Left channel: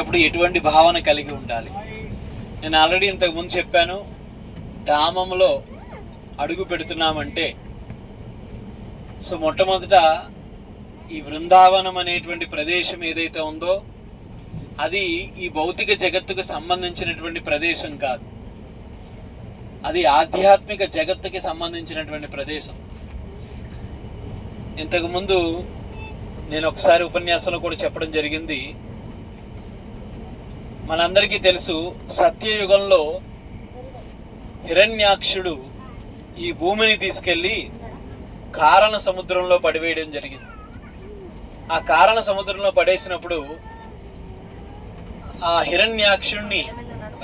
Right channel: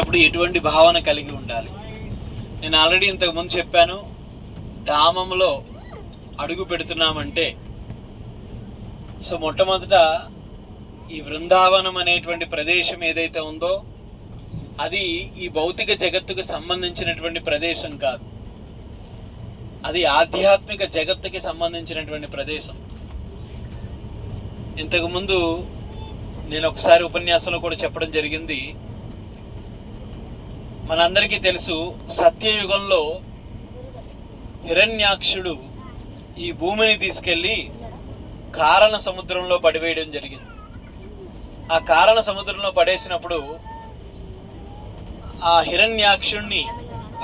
అప్పుడు ఎటువంటి భావన కలిగి ఉండాలి? నేను ఆల్రెడీ ఇంతకుముందు చెప్పాను, ధామంలో అడుగు పెడుతున్నామంటే మొట్టమొదట ఈ బృందావనం అనేటువంటి ప్రదేశం ఏదైతే ఉందో అది ఈ భౌతిక జగత్తుకు సంబంధించినటువంటి ప్రదేశం కాదు, అది ఆధ్యాత్మిక జగత్తుకి సంబంధించినటువంటి ప్రదేశం. ఇంతకుముందు నేను ఒకసారి ఉపన్యాసంలో కూడా చెప్పడం జరిగింది. మనందరికీ తెలుసు, సత్యయుగంలో హిరణ్యాక్షుడు ఈ భూమిని తీసుకెళ్ళి కారణ సముద్రంలో పడివేయడం జరిగింది. ఆ కారణ సముద్రంలో పడేసినప్పుడు ఆ హిరణ్యాక్షుణ్ణి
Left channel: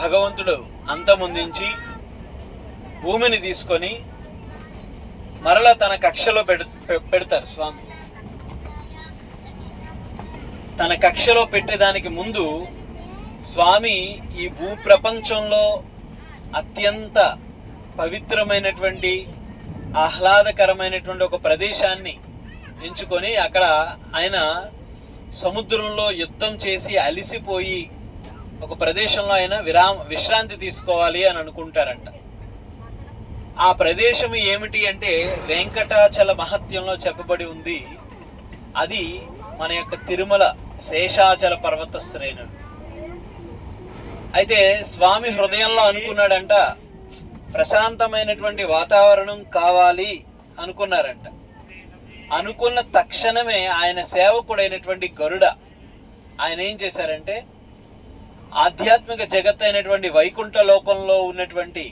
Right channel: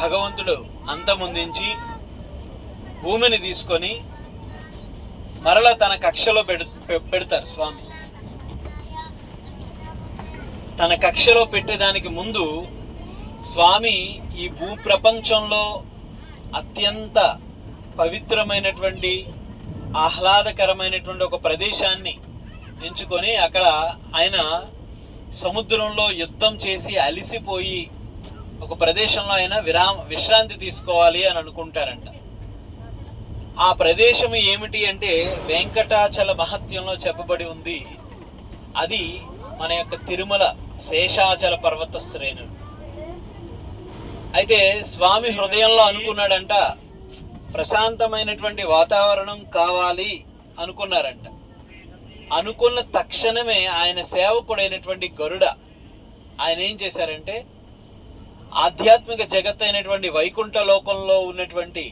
భగవంతుడు అంతమొందించి భూమిని తీసుకొని మరలా తన కక్షలో పెడతారు స్వామి. తన కక్షలో పెట్టేదానికి ముందు స్వామి ఈ భూ ప్రపంచంలో అత్యంత పవిత్రమైనటువంటి ఆహ్లాదకరమైనటువంటి ఒక ప్రదేశాన్ని ఎంచుకొని అక్కడ ఆయన సముద్రంలో యుద్ధం చేసి అలిసిపోయి ఒక ప్రదేశంలో ఆయన విశ్రాంతి తీసుకోవాలి అని అనుకుంటారంట. ఆ ప్రదేశం ఏమిటి అంటే వెంకటాచల మహత్యంలో చెప్పబడి ఉంది. అది మన యొక్క తిరుమల శేషాచల పర్వత శ్రేణులు. అయితే స్వామి హృదయంలో అనుకున్నాడంట, ప్రశాంతమైనటువంటి వాతావరణం కావాలి అనుకున్నారంట. అనుకున్న తక్షణమే ఆయన సేవకుడైనటువంటి గరుడ ఆయన ఏం చేశారంటే ఆధ్యాత్మిక జగత్ అయినటువంటి వైకుంఠ లోకంలో ఉన్నటువంటి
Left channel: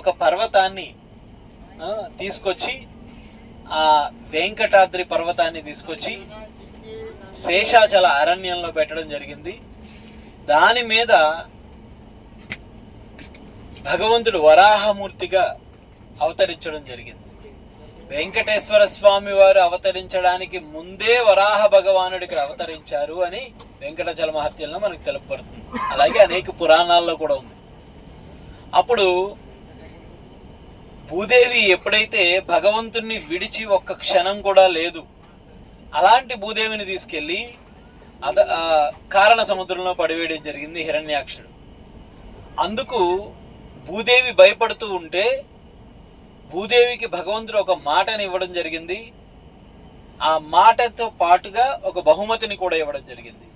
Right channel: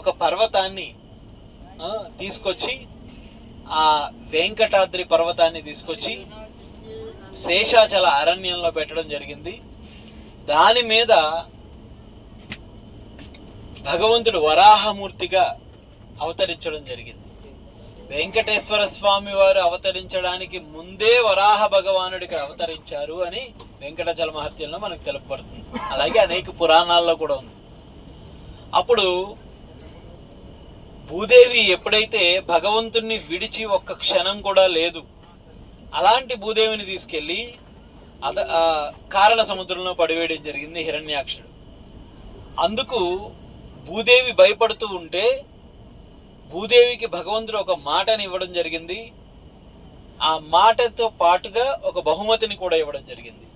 ఒక పర్వతాన్ని తీసుకొచ్చి, ఆ వెంకటాద్రి పర్వతాన్ని తీసుకొచ్చి శేషాచల అరణ్యంలో పెట్టడం జరిగింది. దాని మీద భగవంతుడు వరాహమూర్తిగా అవతరించడం జరిగింది. వెంకటేశ్వర స్వామి వారు అవతరించడానికి ముందే వరాహ భగవానుడు ఇక్కడ అవతరించారు అని వెంకటాచల మహత్యంలో మనకు తెలుపబడుతుంది. అలాగే అనేక పురాణాల్లో కూడా ఉంది. అప్పుడు భూదేవి ఎప్పుడైతే భగవంతుణ్ణి విడిచి ఒక్క క్షణం కూడా లేదు, అలాంటి భూదేవిని తీసుకెళ్ళి కారణ సముద్రంలో పడివేయడం జరిగింది హిరణ్యాక్షుడు. అందుకు భూదేవి భయపడుతూ ఉంటే భూదేవికి భగవంతుడు ఒక మాటని ఇవ్వడం జరిగింది. ఆ మాటతో పాటుగా ఒక బహుమతిని కూడా ఇవ్వడం జరిగింది.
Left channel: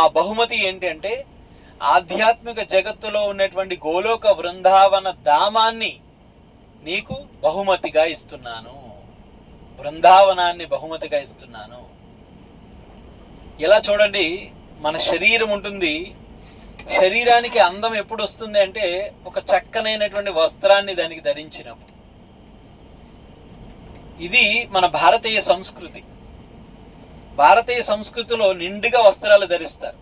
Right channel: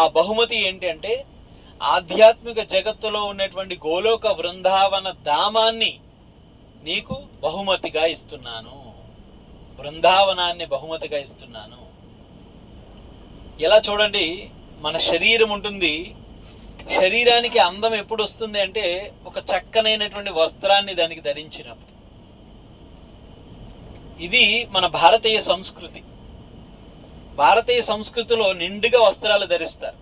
ఆ బహుమతి ఏంటంటే ఆధ్యాత్మిక జగత్తులో ఉన్నటువంటి గోలోక బృందావన ధామాన్ని నీకు బహుమతిగా ఇస్తున్నాను, బృందావనాన్ని బహుమతిగా ఇస్తున్నాను. ఇలా చూడండి, మన శరీరం ఉంటుంది. శరీరానికి అందం ఎప్పుడు వస్తుంది అంటే ఒక చక్కనైనటువంటి వస్త్రాన్ని దానికి ధరించినప్పుడు. ఇది మన భారతీయ సంస్కృతి. భారతీయ సంస్కృతిలో నిండుగా వస్త్రాలు ధరిస్తారు,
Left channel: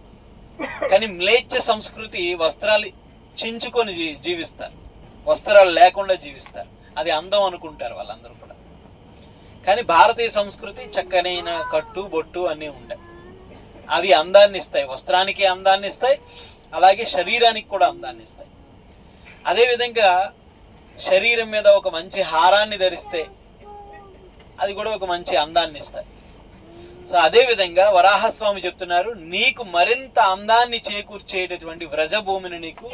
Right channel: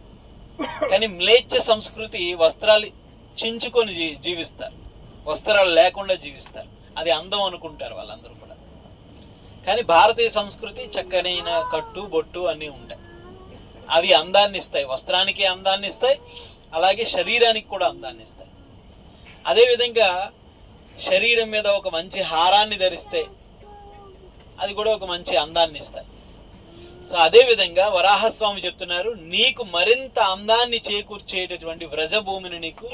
కానీ మ్లేచ్ఛ సంస్కృతి వస్త్రాలు చించుకొని జీవిస్తారు, వస్త్రాలు లేకుండా జీవిస్తారు. అది అందం అనుకుంటారు వాళ్ళందరూ కూడా. కానీ భారతీయ సంస్కృతి చక్కనైన కట్టు బొట్టు అన్నీ ఉంటాయి. అవి అందాన్ని ఇస్తాయి, వస్త్రానికి అందాన్ని ఇస్తాయి, అలాగే శరీరానికి కూడా అందాన్ని ఇస్తాయి. అదేవిధంగా శరీరం మీద ఒక మంచి హారాన్ని ధరిస్తే అది కూడా ఒక మంచి అందాన్ని ఇస్తాయి. అదేవిధంగా వరాహస్వామి చెప్తున్నారు, నీకు మరింత అందాన్ని చేకూర్చేటటువంటి వ్రజభూమిని నీకు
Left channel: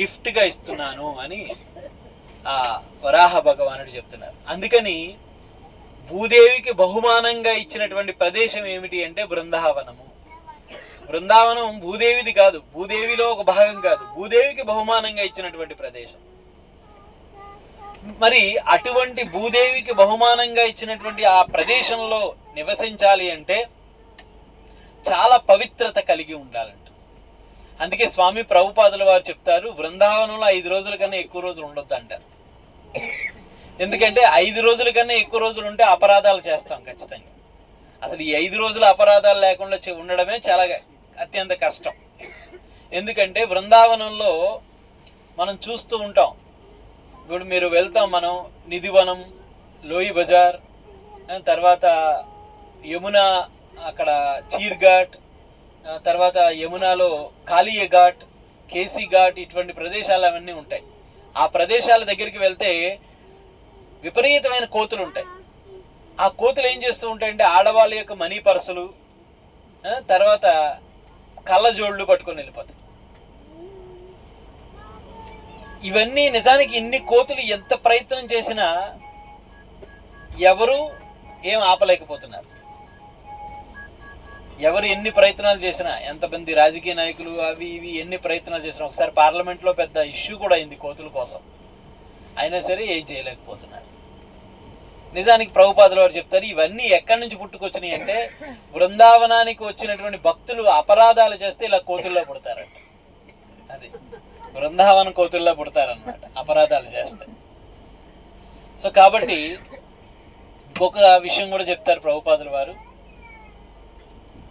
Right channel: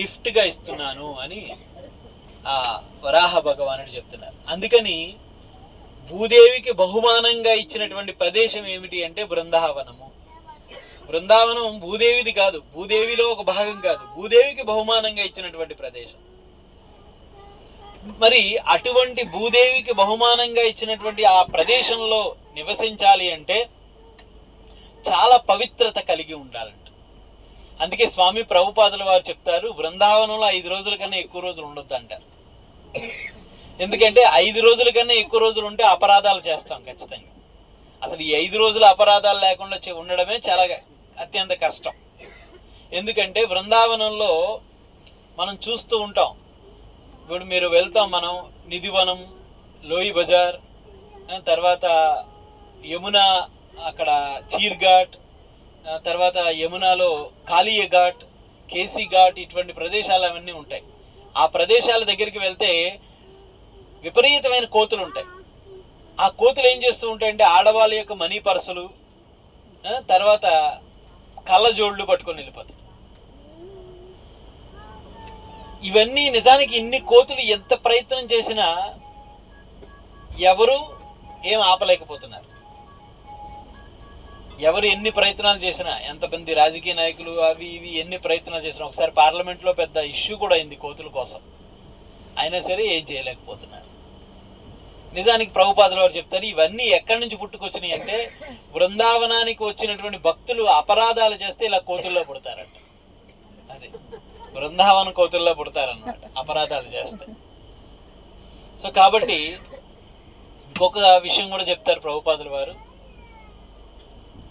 గిఫ్ట్గా ఇస్తున్నాను అని ఆ వరాహ భగవానుడు చెప్తున్నారు. అందుకని భూదేవికి బహుమానంగా ఇచ్చినటువంటి ప్రదేశం ఏమిటి అంటే బృందావనము. బృందావనం భూదేవిది కాదు, భూదేవిలో ఒక భాగం కాదు, భూదేవికి బహుమానంగా ఇచ్చినటువంటి ప్రదేశం. మరి అటువంటి భూదేవికి బహుమానంగా ఇచ్చినటువంటి ఆ ప్రదేశంలో నివసించాలి అంటే చాలా పవిత్రత కలిగి ఉండాలంట. అందుకే స్వామి ప్రభుపాదుల వారు చెప్తారు, బృందావనంలో 5 రోజుల కన్నా ఎక్కువ రోజులు ఉండొద్దు అంటారు. ఎందుకంటే 5 రోజుల కన్నా ఎక్కువ రోజులు ఉంటే అపరాధాలు చేస్తాం ఖచ్చితంగా. అసలు ఈ 5 రోజుల అపరాధాలు లేకుండా ఉండడమే చాలా అత్యంత కష్టం. ఎందుకంటే బృందావనంలో మనం చూస్తూ ఉంటాం. ఇప్పుడు మీరు వెళ్తాం, మనం నిధివనం, లోయి బజార్, తర్వాత యమున, అక్కడ చీర్ ఘాట్, తర్వాత యమునాలో కాళీయ ఘాట్, కేసీ ఘాట్, ఇటువంటి ప్రదేశాలు అవన్నీ ఉంటాయి. ఆ ప్రదేశాల దగ్గరికి వెళ్తే విపరీతమైన కోతులు ఉంటాయి. ఆ కోతులు ఏం చేస్తూ ఉంటాయంటే ఆడవాళ్ళ యొక్క మనీ పర్సులు, తర్వాత కళ్ళజోళ్ళు పట్టుకొని వెళ్ళిపోతాయి. ఇవన్నీ నిజానికి ఇన్ని కోతులు ఎంత ప్రయత్నం చేసినా ఎవరు ఏం ఆపలేకపోతున్నారు. ఎవరు ఎన్ని ప్రయత్నాలు చేసినా, ఎంతమంది రాజకీయ నాయకులు అవి ఇవి ఎన్ని ప్రయత్నాలు చేసినా, ఒకసారి పార్లమెంట్లో పెద్ద ఇష్యూ కూడా అయింది కోతుల కోసం, అయినా సరే ఏం చేయలేకపోతున్నారు. నిజానికి ప్రభుపాదుల వారు చెప్తారు, ఇవన్నీ ఎక్కడి నుంచి పుట్టుకొచ్చినాయి అంటే బృందావనానికి వచ్చినటువంటి భక్తులు అపరాధాలు చేస్తే ఇలా కోతుల్లో పుడతారంట. అది బృందావన కోతుల్లో పుడతారన్నమాట అపరాధాలు చేస్తే. సో కాబట్టి ఇంకొక విషయం కూడా చెప్తారు ప్రభుపాదుల వారు.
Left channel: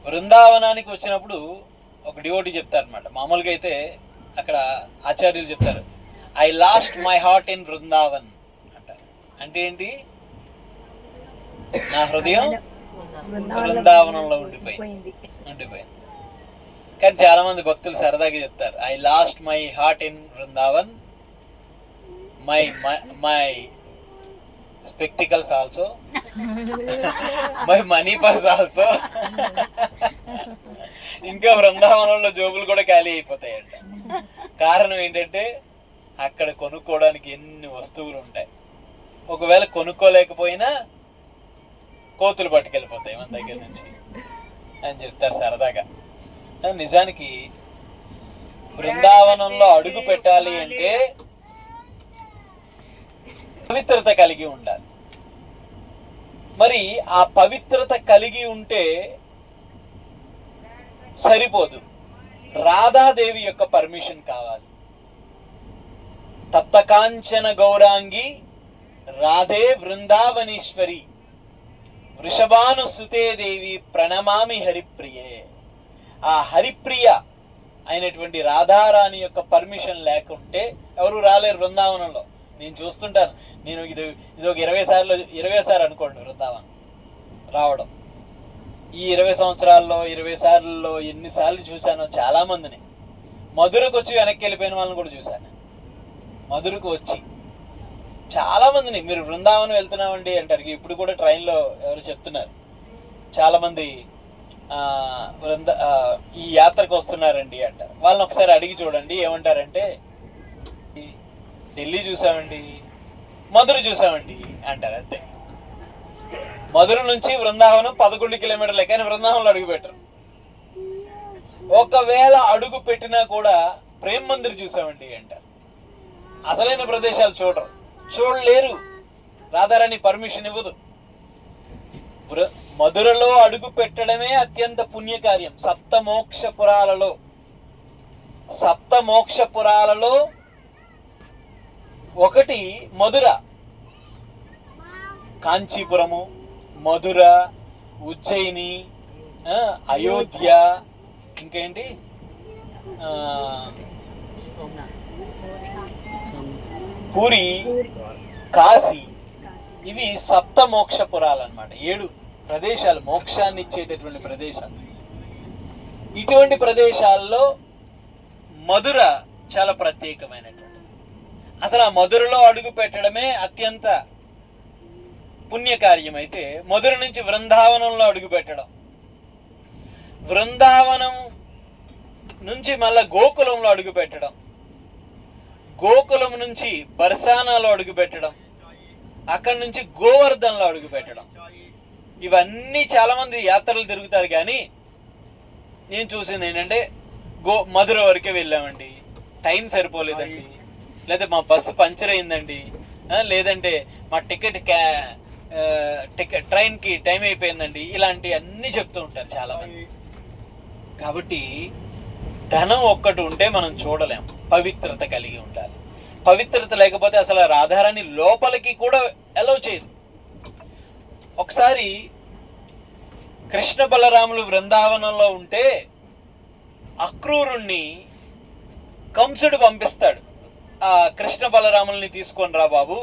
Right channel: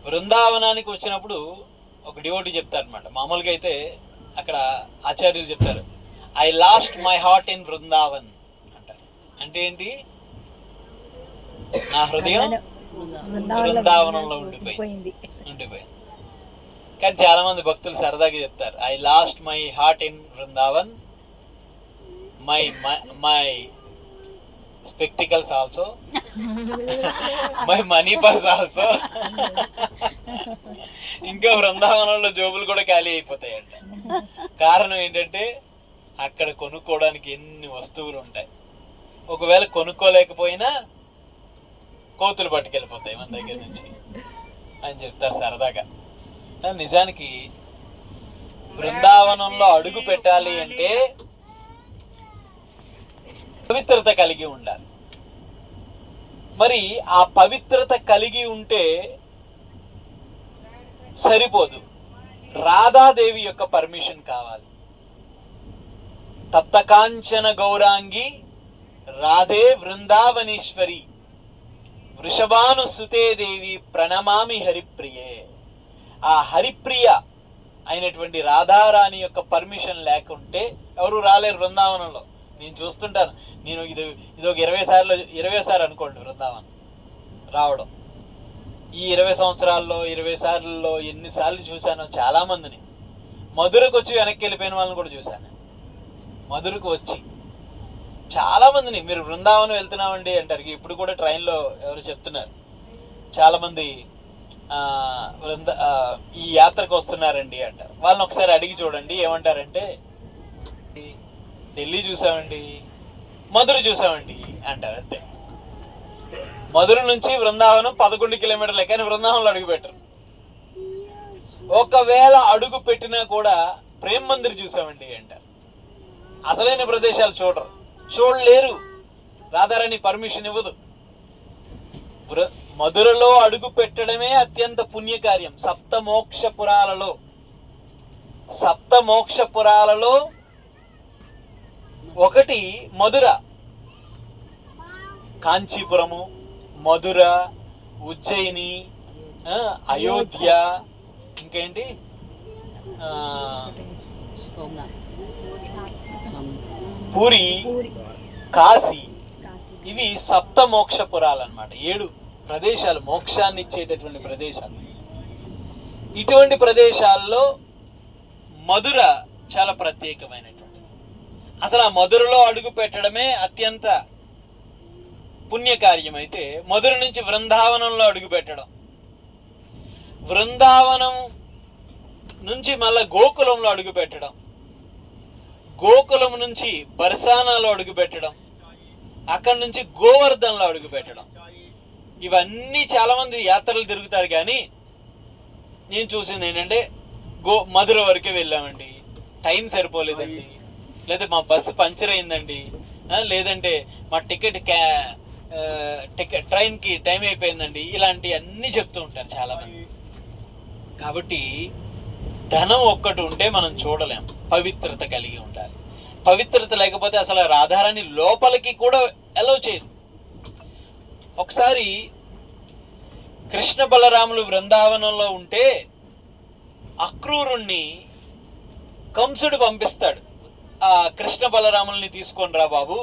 బృందావనానికి వచ్చినప్పుడు ఒక డివోటీ చెప్తారనమాట. మామూలుగా అయితే అక్కడ ఆచార్యులు చెప్తారు, I lost my heart in Brindavan అంటారు. అంటే ఏంటి? నా హృదయం బృందావనంలో ఉండిపోయింది. కానీ చాలా మంది భక్తులు సరదాగా చెప్తారు, I lost my heart in Brindavan, my spectacles also, my money purse also. ఇంకా బృందావనంలో జోబులు కూడా ఖాళీ అయిపోతాయంట. కారణం ఏంటంటే అక్కడ కొనుక్కోవడానికి ఎన్ని వస్తువులు ఉంటాయి. ఒకవేళ కొనుక్కోలేకపోయినా కోతులు పట్టుకెళ్ళిపోతాయి మన దగ్గర నుంచి అని చెప్తారు సరదాగా. నిజానికి బృందావనంలో అడుగు పెట్టాలి అంటే పవిత్రత కలిగి ఉండాలి. మరి ఆ పవిత్రత కలిగి ఉంటే సరిపోదు, రాధాదేవి యొక్క పర్మిషన్ కావాలి. తప్తకాంచన గౌరాంగి రాధే వృందావనేశ్వరి వృషభాను సుతే దేవి ప్రణమామి హరిప్రియే. ఆ హరిప్రియ అయినటువంటి రాధారాణి యొక్క పర్మిషన్ లేకుంటే ఎవరు రాలేరు బృందావనంలో. నేను చూస్తుంటాను, నేను ఇది ఒక 20 సార్లు అనుకోండి బృందావనం రావడం. ఈ 20 సంవత్సరాల్లో 20 సార్లలో ఎన్నిసార్లు చూశానో చాలామందిని. మధురకు వచ్చి వెనక్కి వెళ్ళిపోయిన వాళ్ళని కూడా చూశాను. మధురకు వచ్చి చాలామందిని, మీరు బృందావనం వెళ్తున్నామండి అంటారు. ఇప్పుడు కూడా ట్రైన్లో ఎవరు చెప్తున్నారు, చాలామంది ఈ యాత్రకు వస్తున్నారండి అంటారు. వాళ్ళని ఒకసారి అడిగి చూడండి, ఏమంటారంటే ఢిల్లీ చూసామండి, మధుర చూసామండి అంటారు. అంతే. మధుర నుంచి బృందావనం 11 కిలోమీటర్లే, కానీ బృందావనంలో అడుగు పెట్టరు. ఒకవేళ అడుగు పెట్టినా కూడా ప్రేమ్ మందిర్ చూసామండి అంటారు. అసలైన ప్రదేశాలు చూడలేరు. రాధారాణి పర్మిషన్ ఇవ్వదు. మధురలో అడుగు పెట్టడమే అత్యంత పుణ్యకార్యం. సప్త మోక్ష పురాలలో ఒకటి మధుర. కాంచీపురము, మధుర, ఉజ్జయిని, అయోధ్య, ఇంకేంటి పూరి, కాశీ, ఇవి సప్త మోక్ష పురాలు అన్నమాట. 7 ప్రదేశాలు, మోక్షాన్ని ఇచ్చేటటువంటి ప్రదేశాలు. ఇటువంటి ప్రదేశాల్లో మధుర చాలా ప్రత్యేకమైనటువంటిది. అసలు ఆ మధురలో అడుగు పెట్టడమే అత్యంత పుణ్యకార్యం. అయితే మధుర నుంచి బృందావనంలో అడుగు పెట్టడం, బృందావనం నుంచి మళ్ళా గోకులంలో అడుగు పెట్టడం, గోకులం నుంచి బర్సానాలో అడుగు పెట్టడం, అక్కడి నుంచి గోవర్ధన్లో అడుగు పెట్టడం. ఇవన్నీ చాలామంది యాత్రలు తిరుగుతారు, కానీ నేను చూసింది ఏంటంటే మధుర వరకే వెళ్ళామండి, టైం సరిపోలేదండి, లేదా మా బస్సు పంచర్ అయిందండి, లేదంటే మా ట్రైన్కి టైం అయిపోయిందండి, ఇలాంటి అన్నీ చెప్తూ ఉంటారు చాలామంది. కాబట్టి ధనం ఒక్కటి ఉంటే మనం చూడలేం, పవిత్రత కలిగి ఉండాలి. పవిత్రత లేకపోతే అసలు రాధారాణి లోపలికి కూడా అలౌ చేయదు. ఒకసారి కృష్ణ బలరాములు బృందావనంలో ఉంటే అక్రూరుణ్ణి కంసుడు పంపిస్తాడు, ఆ కృష్ణ బలరాముల్ని తీసుకొని రా బాబు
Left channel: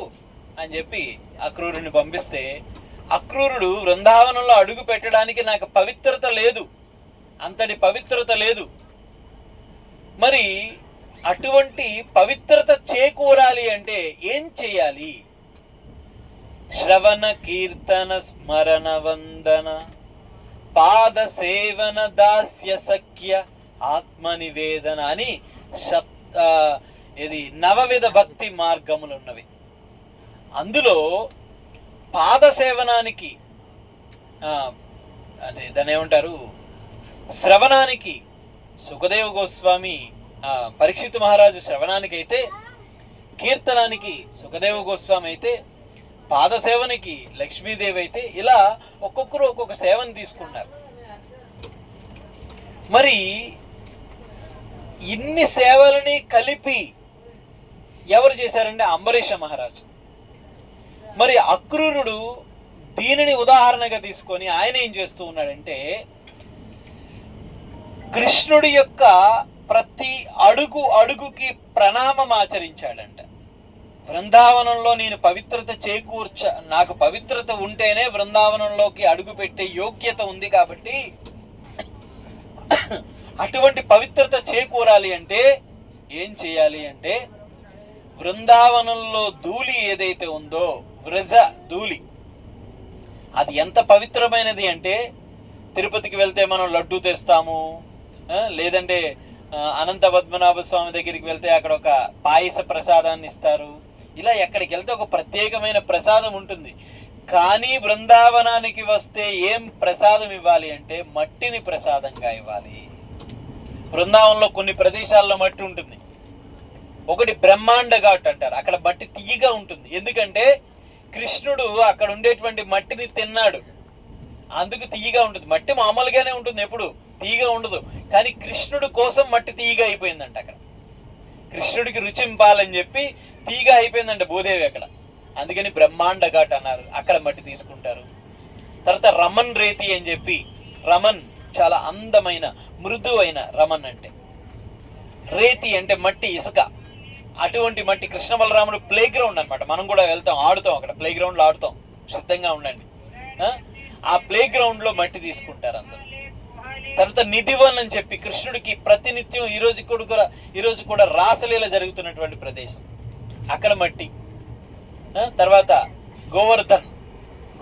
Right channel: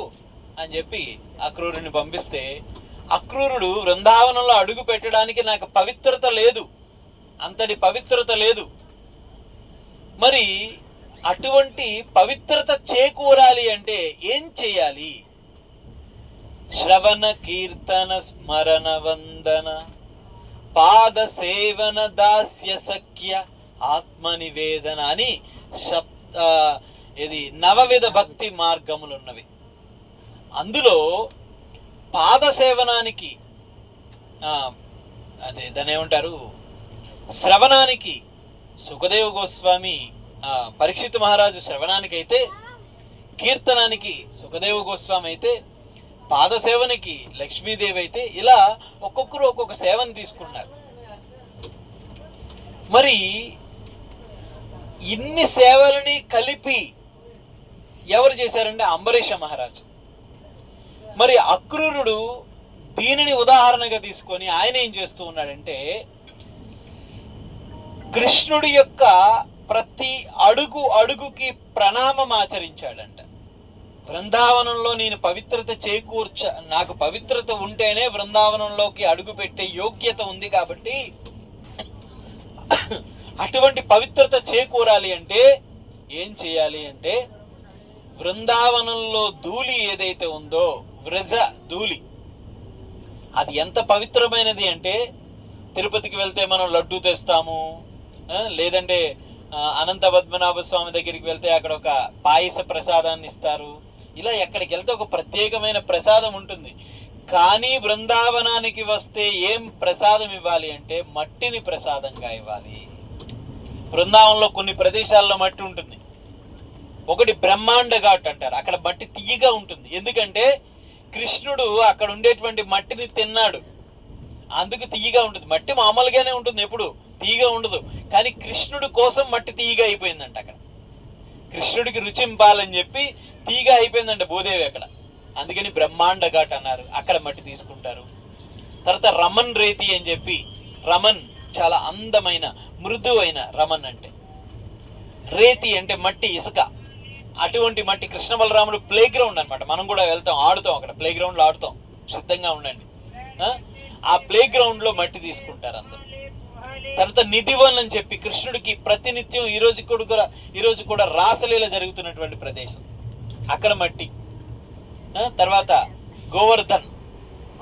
అని చెప్పి అక్రూరుని పంపిస్తే, అక్రూరుడు బృందావనంలో అడుగు పెట్టడానికి నాకు పవిత్రత లేదు, అంతటి పవిత్రత లేదు. మరి అటువంటి పవిత్రత చేకూరాలి అంటే ఏం చేయాలి? శ్రవణ కీర్తన స్మరణ వందన పాద సేవన దాస్య సఖ్య ఆత్మ నివేదన అని ఇది నవవిధ భక్తి మార్గములు ఉన్నవి. అందులో పాద సేవనానికి అదే దాన్ని ఏమంటారు, శ్రవణానికి సుఖదేవ గోస్వామి, పరీక్షిత్ మహారాజు శ్రవణానికి అయితే, కీర్తనానికి సుఖదేవ గోస్వామి అయితే, పాదసేవనికి లక్ష్మీదేవి అయితే, ఇలా ఒక్కొక్కరు ఒక్కొక్క సేవను తీసుకున్నారు. మరి ఇన్ని సేవలని కలిపి ఎవరు చేశారంటే అంబరీష మహారాజు. మరి అక్రూరుడు దీనిని ఉదాహరణగా తీసుకొని ఆయన ఏం చేస్తూ ఉన్నాడంటే, కృష్ణుడి యొక్క ప్రతి అడుగు అడుగుకి ప్రణామం ఆచరించాడంట. బృందావనంలో నేను పవిత్రత నాకు పవిత్రత ఉంటేనే బృందావనంలోకి అడుగు పెట్టే యోగ్యత ఉంది, కాబట్టి అటువంటి పవిత్రత చేకూరాలి అంటే ఏం చేయాలి అంటే, బృందావనంలో ధూళి ఏదైతే ఉందో, వ్రజ ధూళి, అది ఎంత పవిత్రమైనది అంటే, తిరుపతికి వెళ్తే మనం లడ్డూ తెస్తాము, లేదంటే అనంత పద్మనాభ స్వామి దగ్గరికి వెళ్తే అక్కడ ఒక పాయస ప్రసాదాన్ని ఇస్తారు. ఇలా ఎక్కడికి వెళ్తే ఒక ప్రత్యేకమైన ప్రసాదం ఉంటుంది. కానీ బృందావనానికి వస్తే ఏం ప్రసాదం ఇవ్వాలి అంటే మట్టిని ప్రసాదంగా ఇవ్వాలి. బృందావనంలో కొన్ని ప్రదేశాల్లో మట్టి ఉంటుంది. ఒకటి బ్రహ్మాండ ఘాట్ అంటారు, అక్కడ మట్టి తీయగా ఉంటుంది. ఎందుకంటే కృష్ణుడు అక్కడ ఉండేటువంటి మట్టిని తిన్నాడు, అందుకు తీయగా ఉంటుంది. మట్టి మామూలుగానే ఉంటుంది, ఎప్పుడు తీయగా ఉండదు. కానీ కృష్ణుడు కోసం మట్టి తీయగా అయిపోయిందంట. అక్కడ కృష్ణుడికి రుచింపాలని చెప్పి తీయగా అయిపోయిందంట భూదేవి అక్కడ. అందుకని బ్రహ్మాండ ఘాట్ అన్నారు, అక్కడ మట్టి తీసుకుంటారు. తర్వాత రమన్ రేతి అని చెప్పి, రమన్ చాలా అందమైన మృదువైన రమన్ అంటే, రేతి అంటే మట్టి, ఇసుక. అటువంటి మట్టి కృష్ణ బలరాముడు ప్లే గ్రౌండ్ అనమాట. మనం కూడా వెళ్తాం, ఆడుతాం, అక్కడ ప్లే గ్రౌండ్లో ఆడుతాం. సిద్ధంగా ఉండండి. ఆ ప్లే గ్రౌండ్లో మట్టి తీసుకుంటారు అందరూ. తర్వాత నిధివన్ అని చెప్పి, కృష్ణుడికి ప్రతినిత్యం ఈరోజు కూడా రాసలీల జరుగుతున్నటువంటి ప్రదేశం, అక్కడ మట్టి. తర్వాత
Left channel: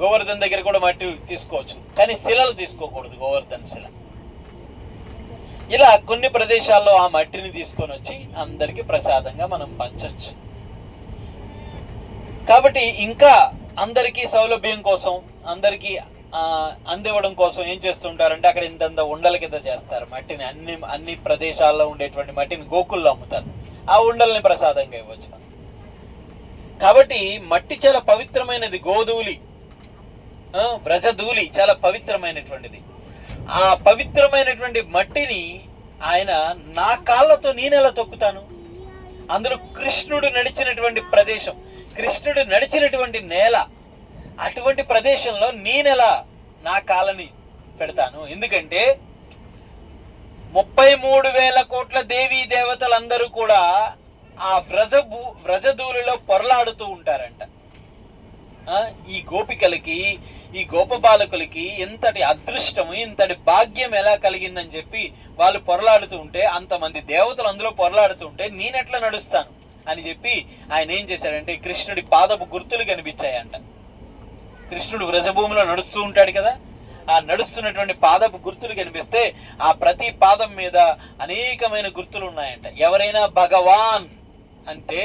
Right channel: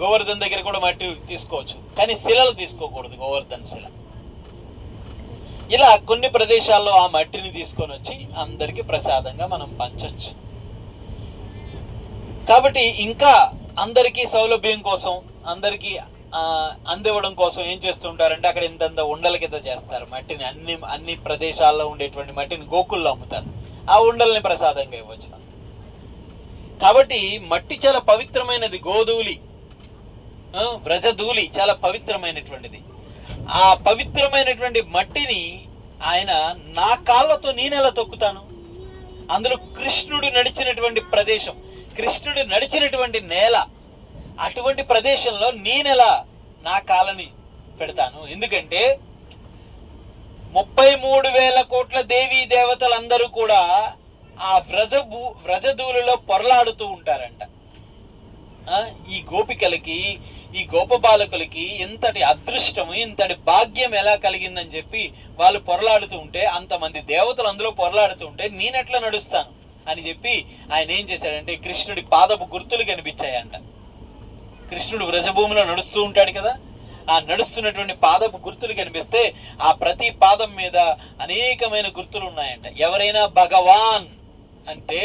గోవర్ధన్ దగ్గర కూడా మట్టి తీసుకోవచ్చు, కానీ శిలలు తీసుకోకూడదు, గోవర్ధన్ శిల. ఇలా కొన్ని ప్రదేశాల్లో ఆ మట్టిని తీసుకొని వచ్చి అందరికీ ప్రసాదంగా మనం పంచొచ్చు. కాబట్టి ఇంకా అందరికీ సౌలభ్యం కోసం, అందరికీ అందివ్వడం కోసం ఏం చేస్తుంటారంటే, అక్కడ ఇంత ఉండల కింద చేస్తారు మట్టిని. అన్ని ప్రదేశాల్లో ఉండేటువంటి మట్టిని గోకుల్లో అమ్ముతారు. ఆ ఉండల్ని ప్రసాదంగా ఇవ్వచ్చు మనం. కాబట్టి మట్టి చాలా పవిత్రమైనది. గోధూళి, వ్రజధూళి చాలా పవిత్రమైనటువంటిది. ఆ పవిత్రమైనటువంటి మట్టిని ఆయన నా కాళ్ళతో నేనెలా తొక్కుతాను? అందులో కృష్ణుడు నడిచినటువంటి ప్రదేశం, కృష్ణుడు నడిచినటువంటి నేల, అటువంటి ప్రదేశంలో నేనెలా నా కాళ్ళని పెడతాను? ఎందుకంటే 33,000 కోట్ల దేవీ దేవతలందరూ కూడా ఆ వ్రజధూళిలో పొరలాడుతూ ఉంటారంట. ఈ గోపికలకి, ఈ గోపబాలకులకి ఇంతటి అదృష్టము, ఇంతటి భాగ్యం ఎలా కలిగిందని చెప్పి వాళ్ళు పొరలాడుతూ ఉంటే, అంతమంది దేవతలు అందులో పొరలాడుతూ ఉంటే నేనెట్లా నడుస్తాను అని చెప్పి ఆయన ఏం చేశాడంటే, కృష్ణుడి పాదపు గుర్తులు కనిపించాయంట. కృష్ణుడు వ్రజభూమిలో నడుస్తూ ఉంటాడు కదా, ఆ నడుస్తున్నటువంటి పాదపు గుర్తులు కనిపిస్తే ఆ ప్రతి పాదం మీద అనేకమైన గుర్తులు ఉన్నాయంట. ఎవరైనా భగవాన్ అంటే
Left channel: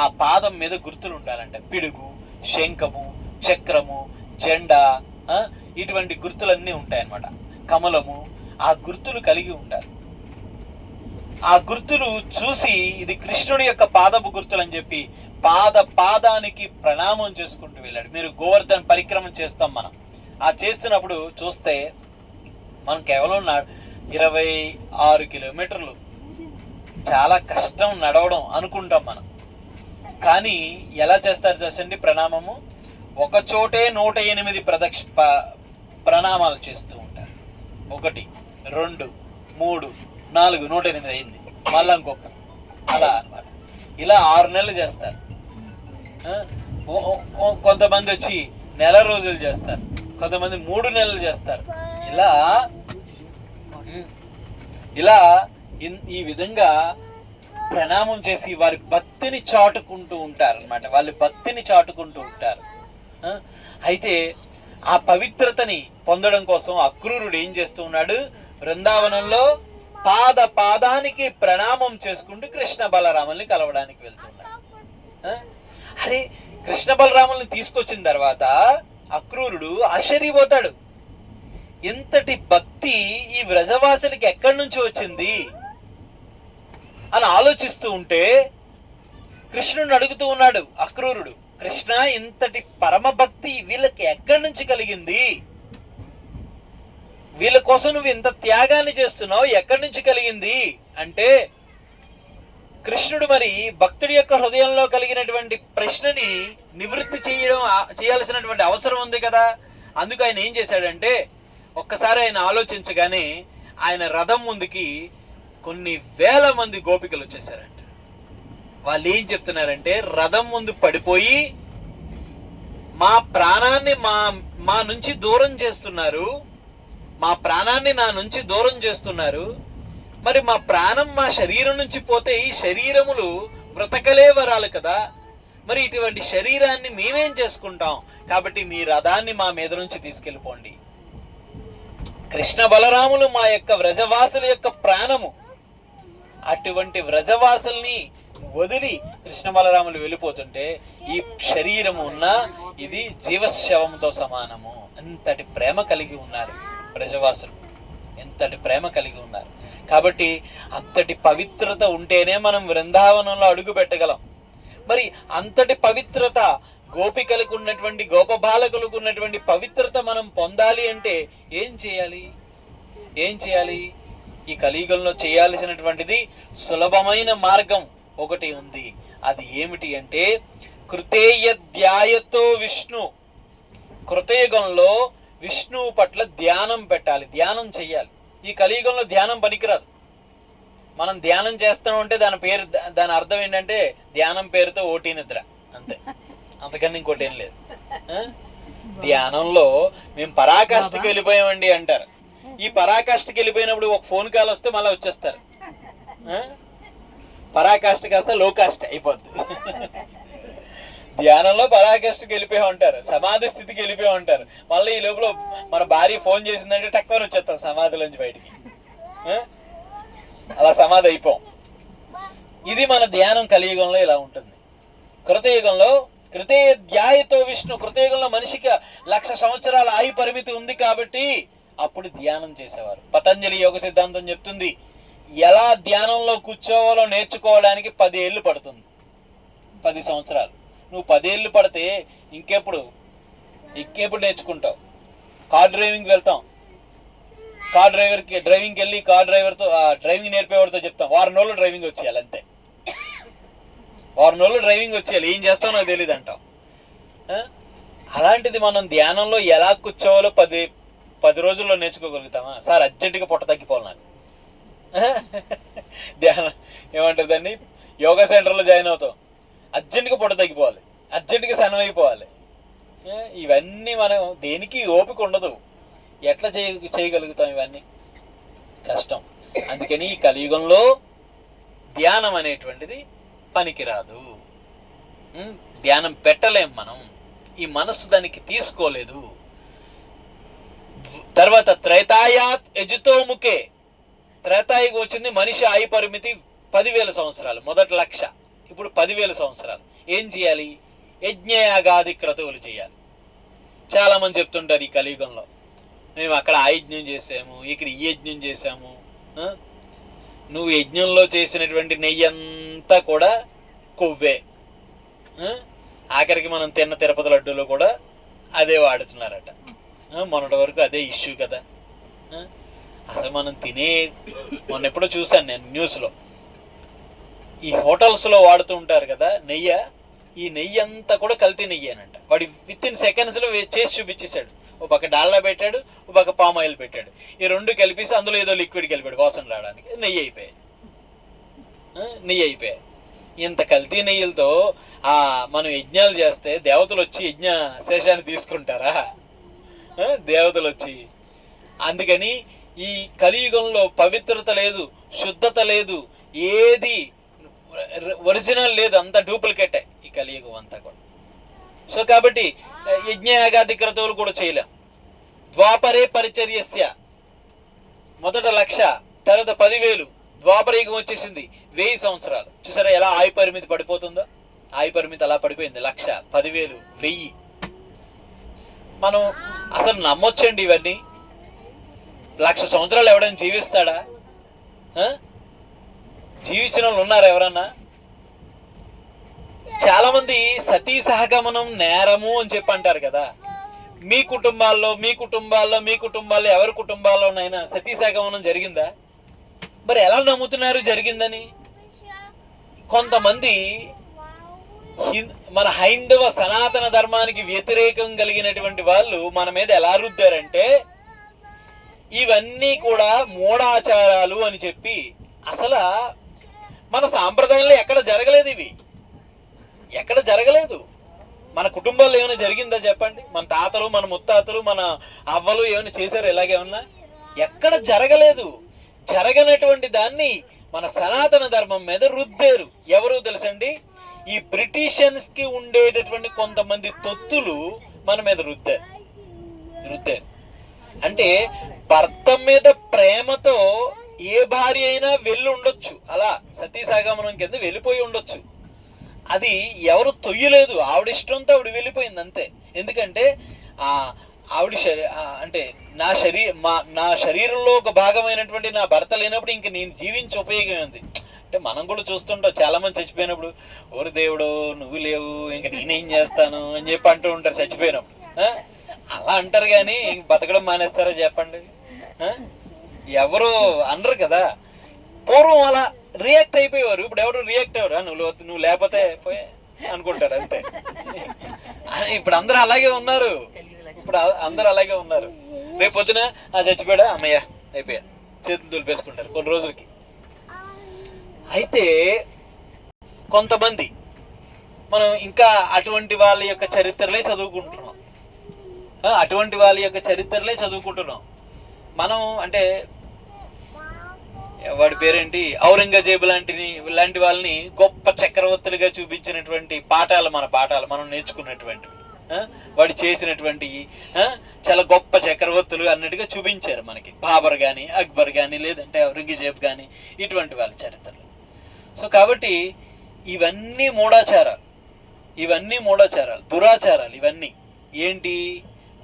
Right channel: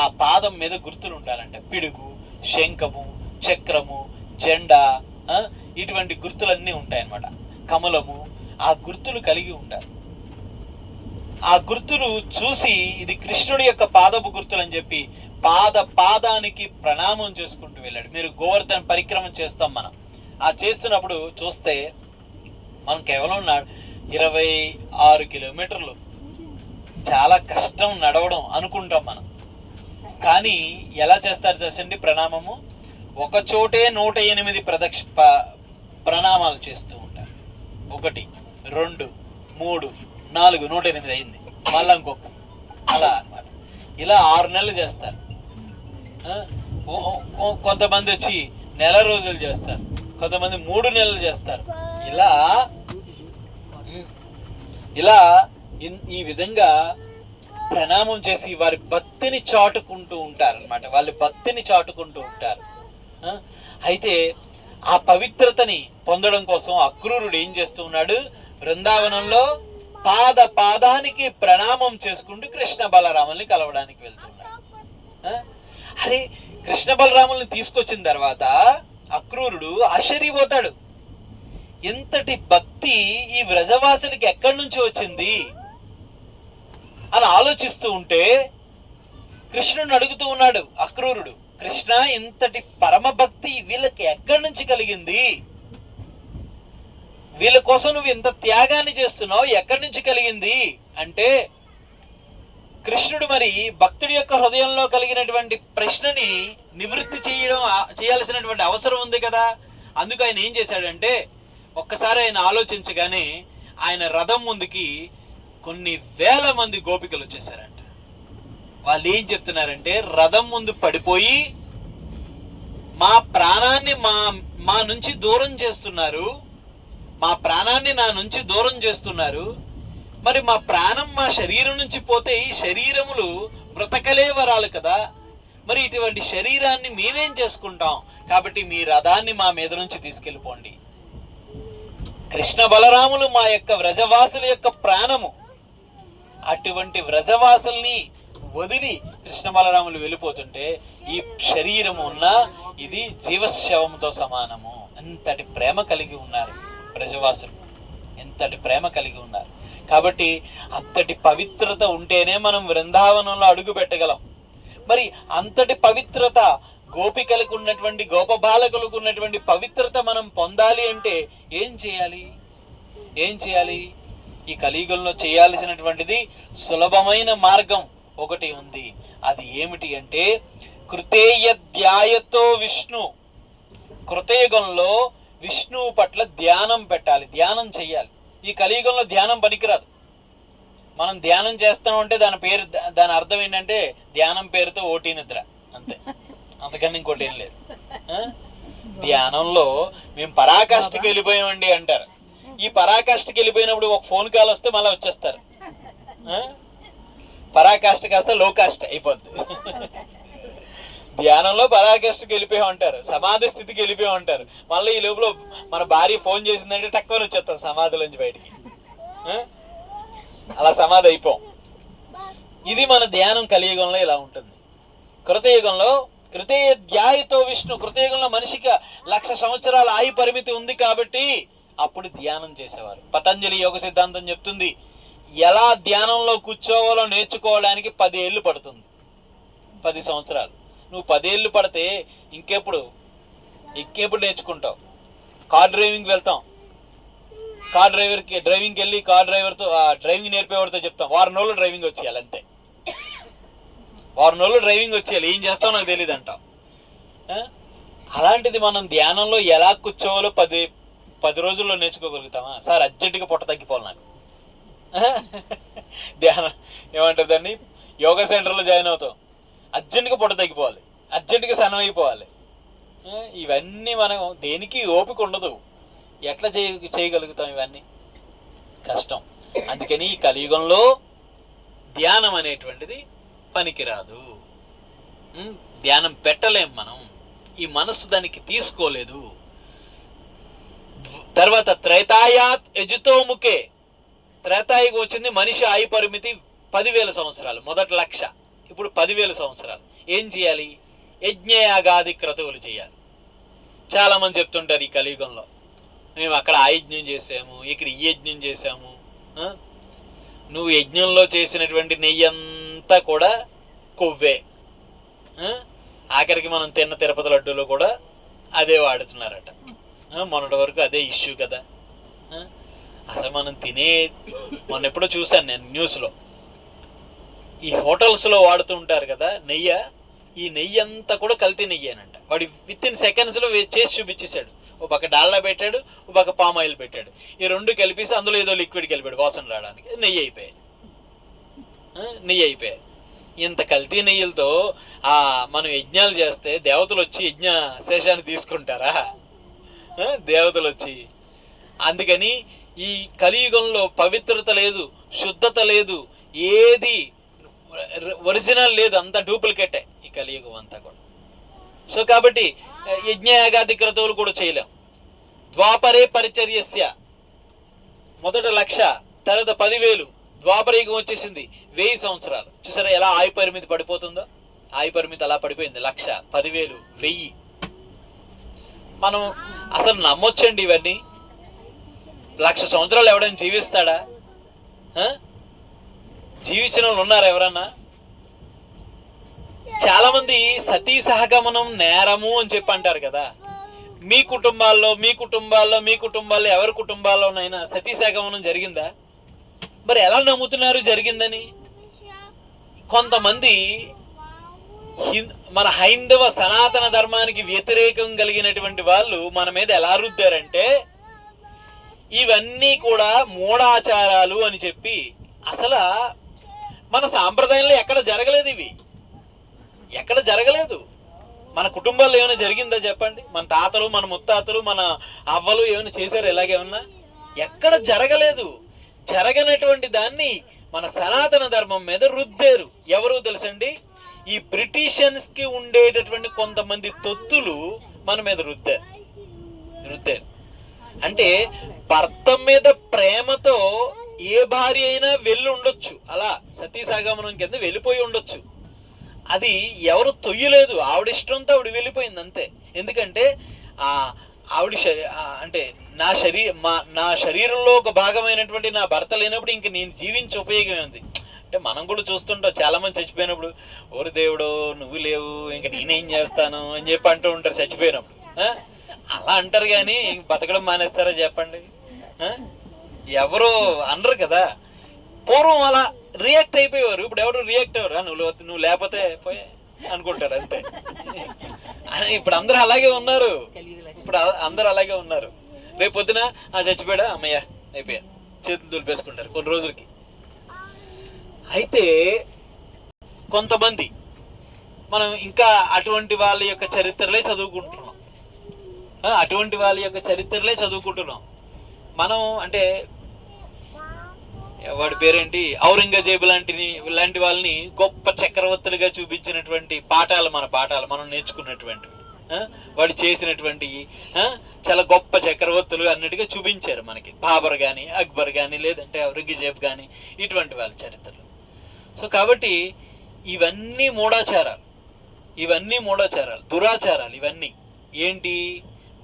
ఆ పాదం మీద గుర్తులు ఉండాలంట. పిడుగు, శంఖము, చక్రము, జెండా, ఇటువంటి గుర్తులన్నీ ఉంటాయన్నమాట. కమలము, ఆ గుర్తులు కలిగి ఉండాలి. ఆ గుర్తులు చూసి ఇది కృష్ణుడి యొక్క పాదపు గుర్తులు అని చెప్పి పాదానికి ప్రణామం చేసుకుంటూ వెళ్ళాడు. మీరు గోవర్ధన్ పరిక్రమం చేస్తాం మనం, ఆ చేస్తున్నప్పుడు చూస్తే మనం కేవలం 26 కిలోమీటర్లు, చాలా కష్టం నడవడం అనుకుంటాం మనం. కానీ ఎలా చేస్తారు తెలుసండి ప్రణామము? ఒక చోటే 108 ప్రణామాలు చేస్తూ ఉంటారు. 1, 2, 3, 4, 108 అయింది. మళ్ళా ఇంకొక, అలా అన్నమాట. ఇలా 6 నెలలు చేస్తారు. కొంతమంది వచ్చి నెల రోజులు చేస్తారు, కొంతమంది 3 నెలలు చేస్తారు. ఇలా ఈ విధంగా ప్రణామం చేసి వారి భక్తిని చాటుకుంటూ ఉంటారు అన్నమాట. వాళ్ళు భక్తిని చాటుకుంటూ ఉంటారు. అయితే ఆ పవిత్రతని పొందడం కోసం అక్రూరుడు ఏం చేస్తూ ఉన్నాడు? బృందావనంలో పాదానికి ప్రణామం చేసుకుంటూ కృష్ణ బలరాముల్ని కలవడానికి వెళ్తున్నాడు. అరే, కృష్ణ బలరాముల్ని తీసుకొచ్చిన తర్వాత అక్రూరుడు ఆశ్చర్యపోతాడు. ఎంతటి భక్తి ఈ వ్రజవాసులకి ఎక్కడి నుంచి వచ్చింది అని ఆలోచిస్తూ ఉంటే కృష్ణుని అడుగుతూ ఉన్నాడు అక్రూరుడు, కృష్ణ, ఇంతటి పరమ భక్తి వీళ్ళకి ఎక్కడి నుంచి కలిగింది? వీళ్ళ కోసం నువ్వు ఇంత త్యాగాన్ని చేస్తున్నావు, ఎక్కడి నుంచి కలిగింది అంటే, కృష్ణుడు మరి భక్తుడి యొక్క హృదయంలో కలిగినటువంటి ప్రశ్నని నివృత్తి చేయాల్సినటువంటి అవసరం ఉంది కదా. అందుకు ఆయన ఏం చేశాడంటే, ఒక్కసారి ఆయన ఆలోచించగానే ఆయన రథం ముందుకి కొన్ని వేల మంది గోపికలు వచ్చేసారంట. వాళ్ళు ఏం చెప్తున్నారంటే, రథం ముందు పడిపోయి మా ప్రాణాన్ని మా నుంచి దూరం చేస్తున్నారు, మా ప్రాణాన్ని నా నుంచి దూరం చేస్తున్నారు. మరి మా ప్రాణం మా శరీరం నుంచి పోతే ఈ శరీరములు బ్రతకలే వరాలు కదా, మరి ఇటువంటి శరీరాన్ని మేమేం చేసుకుంటాం, కాబట్టి మీ రథాన్ని మా మీద నుంచి తీసుకెళ్ళిపోండి. కృష్ణ బలరాములు మా యొక్క వ్రజవాసుల యొక్క ప్రాణము. అటువంటి వ్రజవాసుల్ని వదిలి కృష్ణ బలరాములు వెళ్ళిపోతుంటే ఈ శరీరం ఉన్న ఇది జీవశవంతో సమానము. అంతటి ప్రేమ కలిగి ఉన్నారు వ్రజవాసులు, ఎంతటి ప్రేమ కలిగి ఉన్నారు. కాబట్టి అంతటి పవిత్రత ఉంటేనే మనం బృందావనంలో అడుగు పెట్టగలం. మరి అంతటి పవిత్రత గోపికలకు ఉన్నటువంటి, గోపబాలకులకు ఉన్నటువంటి పవిత్రత మనం పొందాలి అంటే ఏం చేయాలి? ఈ కలియుగంలో చేయాల్సినటువంటిది సులభమైన మార్గం ఒకటి ఉంది. అది ఏమిటి అంటే, కృతేయధ్యాయతో విష్ణు. కృతయుగంలో విష్ణువు పట్ల ధ్యానం పెట్టాలి, ధ్యానం చెయ్యాలి. ఈ కలియుగంలో ధ్యానం పనికిరాదు. మనం ధ్యానం చేస్తాం అంటే దాని అర్థం ఏంటంటే, ధ్యానం పేరుతో ఓటీ నిద్ర, అంతే, అంతకన్నా ఇంకోటి ఏం లేదు. ధ్యానంలో మేము పరాకాష్ఠకి వెళ్ళిపోయామండి అంటారు. ఈ పరాకాష్ఠకి వెళ్ళిపోయినప్పుడు ఒక ఫోన్ కాల్ వస్తే మళ్ళీ వచ్చేస్తారు. పరాకాష్ఠ కాస్త లో కాస్ట్ అయిపోద్ది. ధ్యానంలో పరాకాష్ఠకి వెళ్ళిపోయి ఉంటారు, సమాధి స్థితికి వెళ్ళిపోయి ఉంటారు. మళ్ళీ ఈ లోపల మన భార్య ఫోన్ చేసిందంటే టక్కువని వచ్చేస్తాం సమాధిలోంచి బయటికి. అలా సమాధి అయిపోం. ఇది మన ధ్యానం కలియుగంలో ఇలా ఉంటుంది. కృతయుగంలో కృతేయధ్యాయతో విష్ణు. కృతయుగంలో మనిషికి 1,00,000 సంవత్సరాల ఆయు పరిమితి ఉంది కాబట్టి అప్పుడు ధ్యానం చేసేవారు. పతంజలి యోగ సిద్ధాంతం చెప్తుంది, ఎలా ధ్యానంలో కూర్చోవాలో నేర్చుకోవడానికి 10 ఏళ్ళు పడుతుంది, 10 సంవత్సరాలు. నువ్వు 10 ఏళ్ళు పడితే ఇంకెప్పుడు నేర్చుకుంటావు? కార్ డ్రైవింగ్ వెళ్తాం, కార్ డ్రైవింగ్కి వెళ్ళి కార్ డ్రైవర్తో, డ్రైవింగ్ నేర్పేవాడితో చెప్తాం, 1 రోజులు డ్రైవింగ్ వచ్చేయాలి, అంతే. 1 రోజులు డ్రైవింగ్ వచ్చేయాలి, ఏం చేస్తావు నాకు తెలియదు అంటాం. అలాంటిది మనం ధ్యానంలో ఎలా కూర్చోవాలో 10 రోజుల్లో నేర్చుకోగలుగుతామా? సార్ అర్జెంటుగా పొట్ట తగ్గిపోవాలి నాకు, ధ్యానం ఏమంటారు దాన్ని, యోగా సెంటర్లో జాయిన్ అవుతాం, అర్జెంటుగా పొట్ట తగ్గిపోవాలి, అర్జెంటుగా సన్నం అయిపోవాలి. ఇవన్నీ మనం దేనికి ఓపిక ఉండదు. ఎట్లా చేయగలుగుతాం? ఇవన్నీ కష్టం. అందుకని ఈ కలియుగంలో ధ్యానం అనేటువంటిది పనికిరాదు. ధ్యానం పెట్టలేం మనం, ఈ మనస్సు దానికి తీసుకోలేదు. తర్వాత త్రేతాయాత్ యజుతోముఖే. త్రేతాయుగం వచ్చింది, మనిషి ఆయు పరిమితి 10,000 సంవత్సరాలు. మొదట 1,00,000, ఇప్పుడు 10,000 సంవత్సరాలు. ఏం చేయాలి? యజ్ఞయాగాది క్రతువులు చేయాలి. చాలామంది చెప్తుంటారు ఈ కలియుగంలో, మేము అక్కడ ఆ యజ్ఞం చేసాము, ఇక్కడ ఈ యజ్ఞం చేసాము. నువ్వు యజ్ఞంలో చేసినటువంటి నెయ్యి అంతా కూడా కొవ్వే. ఆఖరికి మనం తిన్న తిరుపతి లడ్డూలో కూడా అదే వాడుతున్నారట. మొన్నటి వరకు అదే ఇష్యూ కదా. అసలు మనం మొన్న ఎప్పుడో చూశాను నేను న్యూస్లో, ఈ హోటల్స్లో వాడుతూ ఉంటారు కదా నెయ్యి, ఈ నెయ్యి అంతా కూడా కల్తీ నెయ్యి అనంట. వాడు వితిన్ సెకండ్స్లో చేసి చూపించేశాడు. ఓ పక్క డాల్డా పెట్టాడు, ఓ పక్క పామ్ ఆయిల్ పెట్టాడు, ఈ 2 కలిపేసి అందులో ఏదో లిక్విడ్ కలిపాడు వాసన రావడానికి. నెయ్యి అయిపోయాయి. ఇంత కల్తీ నెయ్యిలతో మనం యజ్ఞాలు చేస్తే దేవతలు వచ్చి యజ్ఞ శేషాన్ని తీసుకుంటారా? దేవతలు వచ్చి. అందుకని ఈ కలియుగంలో పవిత్రత లేదు, శుద్ధత లేదు, ఏది ఒరిజినల్ లేదు, అంతా డూప్లికేటే ఈ కలియుగం అంతా కూడా. సో కాబట్టి యజ్ఞయాగాది క్రతువులు కూడా చేయలేం. ద్వాపరే పరిచర్యస్య. మొదట 1,00,000, తర్వాత 10,000, ద్వాపరయుగం వచ్చేసింది, 1000 సంవత్సరాలు. చూసారా ఎలా ఆయు పరిమితి పడిపోతుందో? ఆయు పరిమితి అలా పడిపోయింది. 1,00,000, 10,000, 1000. మనం అసలు నమ్మొచ్చండి ఇవన్నీ? 1,00,000 సంవత్సరాలు ఎవడైనా జీవిస్తాడా? జీవించిన వాళ్ళు ఉన్నారు ఎవరన్నా? చాలా మంది సతీ సహగమనం నేరము అని చెప్పి అంటారు కదా. మీ కుటుంబాల్లో ఎవరి కుటుంబాల్లోనైనా సతీ సహగమనం జరిగిందా? మరి ఎలా నమ్ముతున్నారు జరిగిందని? కొంతమంది మన హైందవ సనాతన ధర్మానికి వ్యతిరేకం కలిగినటువంటి వాళ్ళు మన మీద ఎలా రుద్దారంటే, ఇవన్నీ కూడా మూఢాచారాలు అని చెప్పి. అసలు మన సాంప్రదాయంలో ఎక్కడ జరగలేదు, ఇవి ఎక్కడ జరగలేదు. మన కుటుంబాల్లో ఏమైనా జరిగిందా చెప్పండి? మన తాతలు, మన ముత్తాతలు, మన అవ్వలు ఏమైనా చేశారు ఇలాగేమన్నా? ఎక్కడ జరగలేదు. జరగనటువంటి దాన్ని మన సనాతన ధర్మం మీద రుద్దారు. ఎవరు తెలుసండి? ఈ బ్రిటిషన్స్ కి ఉండేటటువంటి కొంతమంది తొత్తులు మన మీద రుద్దారు. అంటే భర్త మీద ప్రేమతో ఏ భార్య అయినా వెళ్ళి ఉండొచ్చు, అలా సతీ సహగమనం కింద వెళ్ళిపోయి ఉండొచ్చు. అది ఎవరు తొయ్యలేదు, ఆవిడ ఇష్టంతో ఆవిడ వెళ్ళిపోయింది అంతే. ఎందుకంటే ఆవిడ అంటే నా శరీరంలో ఒక భాగమైనటువంటి నా భర్త లేనప్పుడు ఇంక నేను జీవించి ఉపయోగం ఉంది. అంటే మనం కూడా చూస్తుంటాం, చాలా మంది చచ్చిపోయినప్పుడు, ఓరి దేవుడు నువ్వు లేవు ఇంక నేనేం చేస్తాను అని చెప్పి అంటూ ఉంటారు చచ్చిపోయినప్పుడు. అలా అంటారు కానీ బతకడం మానేస్తారా చెప్పండి? ఎవరు అనరు కదా. పూర్వం అలా రియాక్ట్ అయిపోయేవారు, ఇప్పుడు ఎవరు రియాక్ట్ అయ్యారు? నువ్వు లేకపోతే పోయే అనుకుంటారు అంతే. ఇప్పుడు అందరూ అలాగే ఉన్నారు. రేపు పొద్దున చచ్చిపోయాడా అమ్మయ్య అయిపోయా, చేతులు దులిపేసుకుంటారు కొన్ని రోజులకి. అయితే కొంతమంది మనం ఇంకా అటువంటి వాళ్ళ యొక్క చరిత్రలే చదువుకుంటున్నాం. మనం అంటే వాడి పేరేంటి, ఔరంగజేబు లాంటి వాళ్ళని గొప్ప చక్రవర్తులుగా చూపించినటువంటి మన పాఠాలు మనం నేర్చుకున్నటువంటి, వాడు చేసినటువంటి చాలా గొప్ప చక్రవర్తులు అన్నట్టుగా చూపించారు మనకి. బాబర్ కానీ, అక్బర్ కానీ, లేదంటే ఔరంగజేబు కానీ, ఇటువంటి వాళ్ళ చరిత్రలు. సో కాబట్టి ఇవన్నీ మూఢాచారాలు, దురాచారాలు. ఇవన్నీ ఏంటి?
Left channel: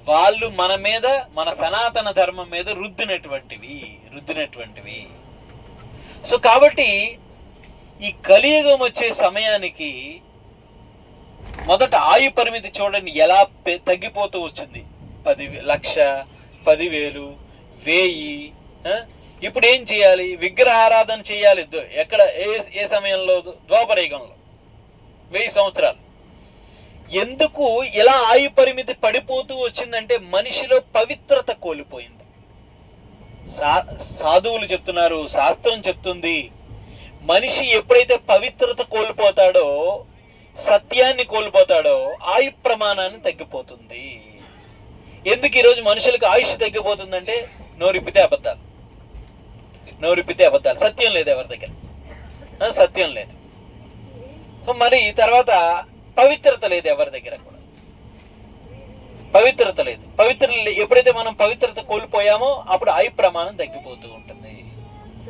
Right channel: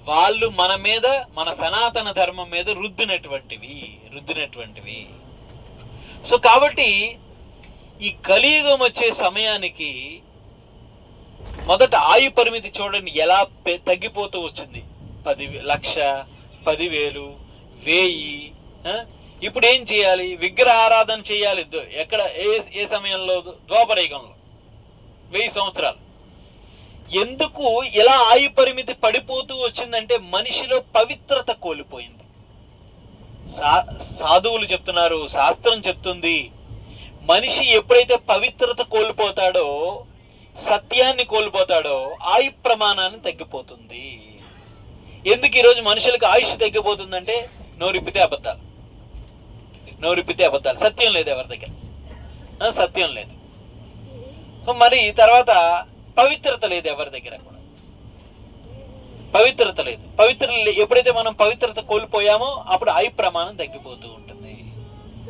వాళ్ళు మన మీద, మన సనాతన ధర్మం మీద రుద్దినటువంటివి. సో కాబట్టి ఈ కలియుగం వచ్చే సమయానికి మొదట ఆయు పరిమితి చూడండి ఎలా తగ్గిపోతూ వచ్చింది. 1,00,000, 10,000, 1000. ఇప్పుడు ఏం చేయాలి? విగ్రహారాధన చేయాలి. ఎక్కడ? ఏ సమయంలో? ద్వాపరయుగంలో 1000 సంవత్సరాలు. ఎందుకు ఇలా ఆయు పరిమితి పడిపోతూ వచ్చిందంటే మనిషిలో పవిత్రత కోల్పోయింది. సాధువులు చెప్తున్నారు, శాస్త్రం చెప్తుంది, మనిషి ఎప్పుడైతే పవిత్రత కోల్పోతాడో, సత్యాన్ని కోల్పోతాడో ఆయు ప్రమాణాన్ని తగ్గిపోతుంది. ఎందుకు ఈరోజు మనుషులకు ఆయుష్ తగ్గిపోతుందంటే నోరిప్పితే అబద్ధాలు, సత్యం లేదు ఎవరి దగ్గర, సత్యం లేదు. మరి తర్వాత పవిత్రత లేదు ఎవరి దగ్గర కూడా, పవిత్రత లేదు. ఎప్పుడైతే మనం పవిత్రత కోల్పోయామో అప్పుడు ఆయు ప్రమాణం తగ్గిపోతూ ఉంటుంది.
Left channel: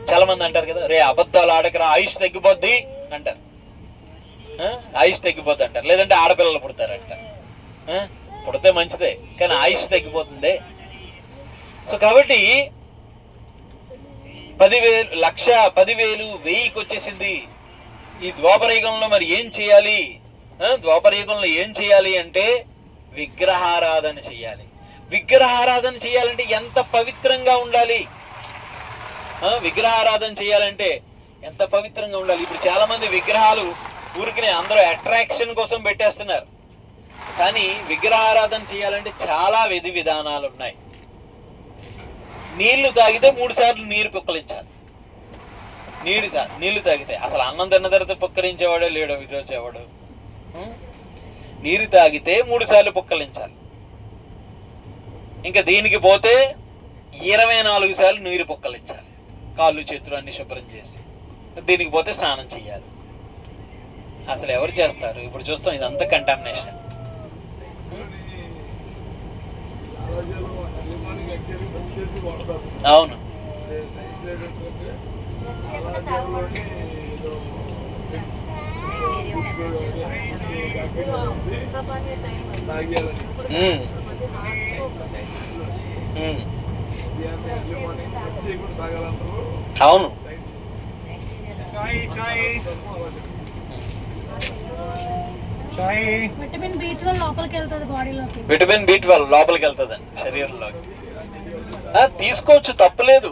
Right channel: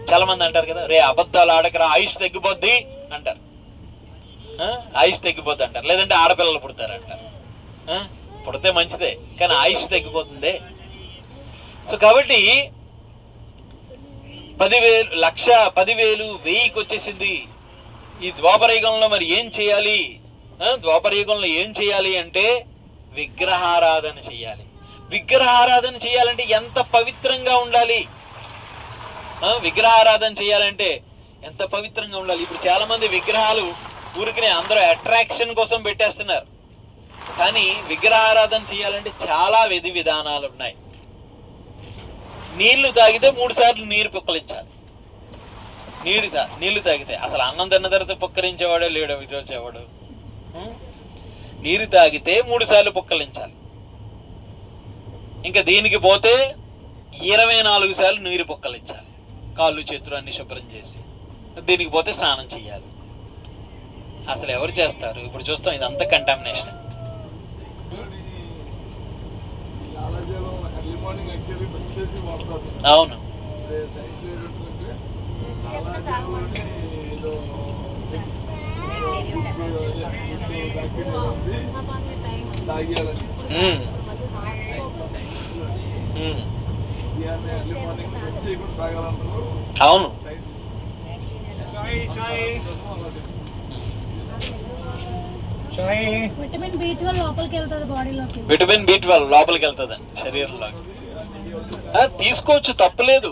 చాలా మంది అంటారు కదా, రే అబద్ధాలు ఆడకరా ఆయుష్ తగ్గిపోద్ది అంటారు. ఆయుష్ తగ్గిపోద్ది అంటారు. లేదంటే ఆడపిల్లలు పుడతారంటారు. పుడితే మంచిదే, కానీ ఆయుష్ తగ్గిపోతుంది. సో కాబట్టి 10,000, 1,00,000, 10,000, 1000కి వచ్చేసింది. ఈ ద్వాపరయుగంలో మరి ఏం చేయాలి? ద్వాపరయుగంలో ఏం చేయాలి అంటే విగ్రహారాధన చేయాలి. విగ్రహారాధన చేయాలంటే ఎంత పవిత్రంగా ఉండాలి? విగ్రహారాధన చేయాలంటే ఎంత పవిత్రంగా ఉండాలి? ఇప్పుడు చాలా మంది విగ్రహాలు ఊరికనే అందరూ అట్రాక్షన్ కోసం పెట్టేస్తున్నారు. కానీ విగ్రహారాధన చేయాలంటే చాలా విధి విధానాలు ఉన్నాయి. నీళ్లు తాగితే 3 సార్లు నీరు పుక్కలించాలి. నీళ్లు తాగితే అసలు అన్నం తిన్న తర్వాత పుక్కరించేవాడే లేడు ఈరోజు ఎవడు. నీరు తాగితే 3 సార్లు పుక్కలించాలి. ఇంకా దీనికి పోతే 24 సార్లు నీరు పుక్కలించాలి, కాళ్ళు చేతులు అన్ని శుభ్రం చేసి. దీనికి పోతే స్నానం చేయాలి. అసలు ఎవరు చేస్తారు? ఇప్పుడు చూస్తాం ఇదంతా కంటామినేషన్. అవును, అవును. విటమిన్ B12 లోపలికి వెళ్తుంది బాడీలోకి. విటమిన్ B12 లోపలికి వెళ్తుంది శరీరంలోకి. తీసుకోవచ్చు, తప్పులేదు,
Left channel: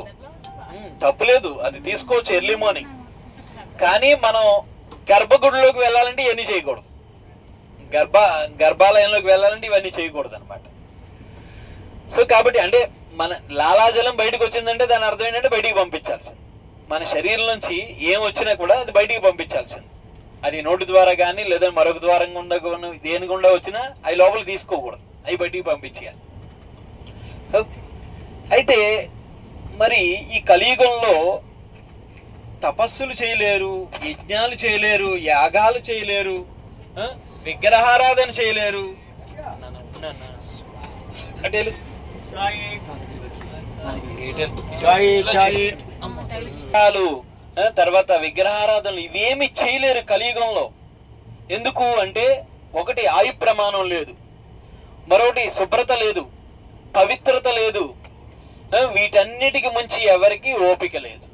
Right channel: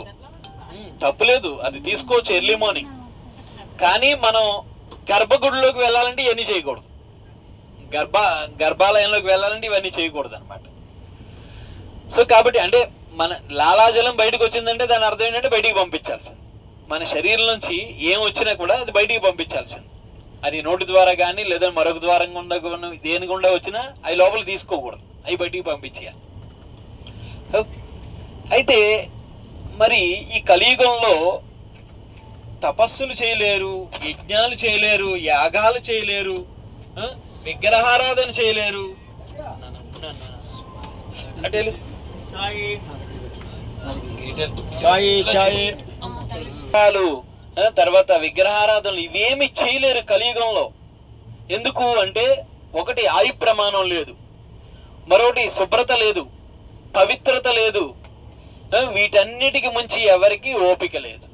తప్పులేదు, అది తీసుకోవచ్చు ఎర్లీ మార్నింగ్. కానీ మనం గర్భగుడిలోకి వెళ్ళాలంటే ఇవన్నీ చేయకూడదు, గర్భాలయంలోకి వెళ్ళాలంటే ఇవన్నీ చేయకూడదు అనమాట. సో కాబట్టి అంటే మన లాలాజలం బయటకు వచ్చిందంటే దాని అర్థం ఏంటంటే బయటికి పంపించాల్సింది. మన శరీరం నుంచి ఏం వచ్చినా కూడా అది బయటికి పంపించాల్సింది. అది నోటి ద్వారా కానీ లేదా మరొక ద్వారం గుండా దేని గుండా వచ్చినా అవి లోపల తీసుకోకూడదు, అవి బయటికి పంపించేయాలి. అయితే మరి ఈ కలియుగంలో తపస్సులు చేయలేరు, యజ్ఞాలు చేయలేరు, యాగాలు చేయలేరు, విగ్రహారాధన చేయలేరు. తర్వాత విగ్రహారాధనలు ఇవేమి చేయలేరు కలియుగంలో. ఎందుకు అంటే ఒకటి ఆయు ప్రమాణం లేదు, మరొకటి శుభ్రత లేదు, పవిత్రత లేదు, వీటన్నిటికి మించి ఎవరికి ఓపిక లేదు,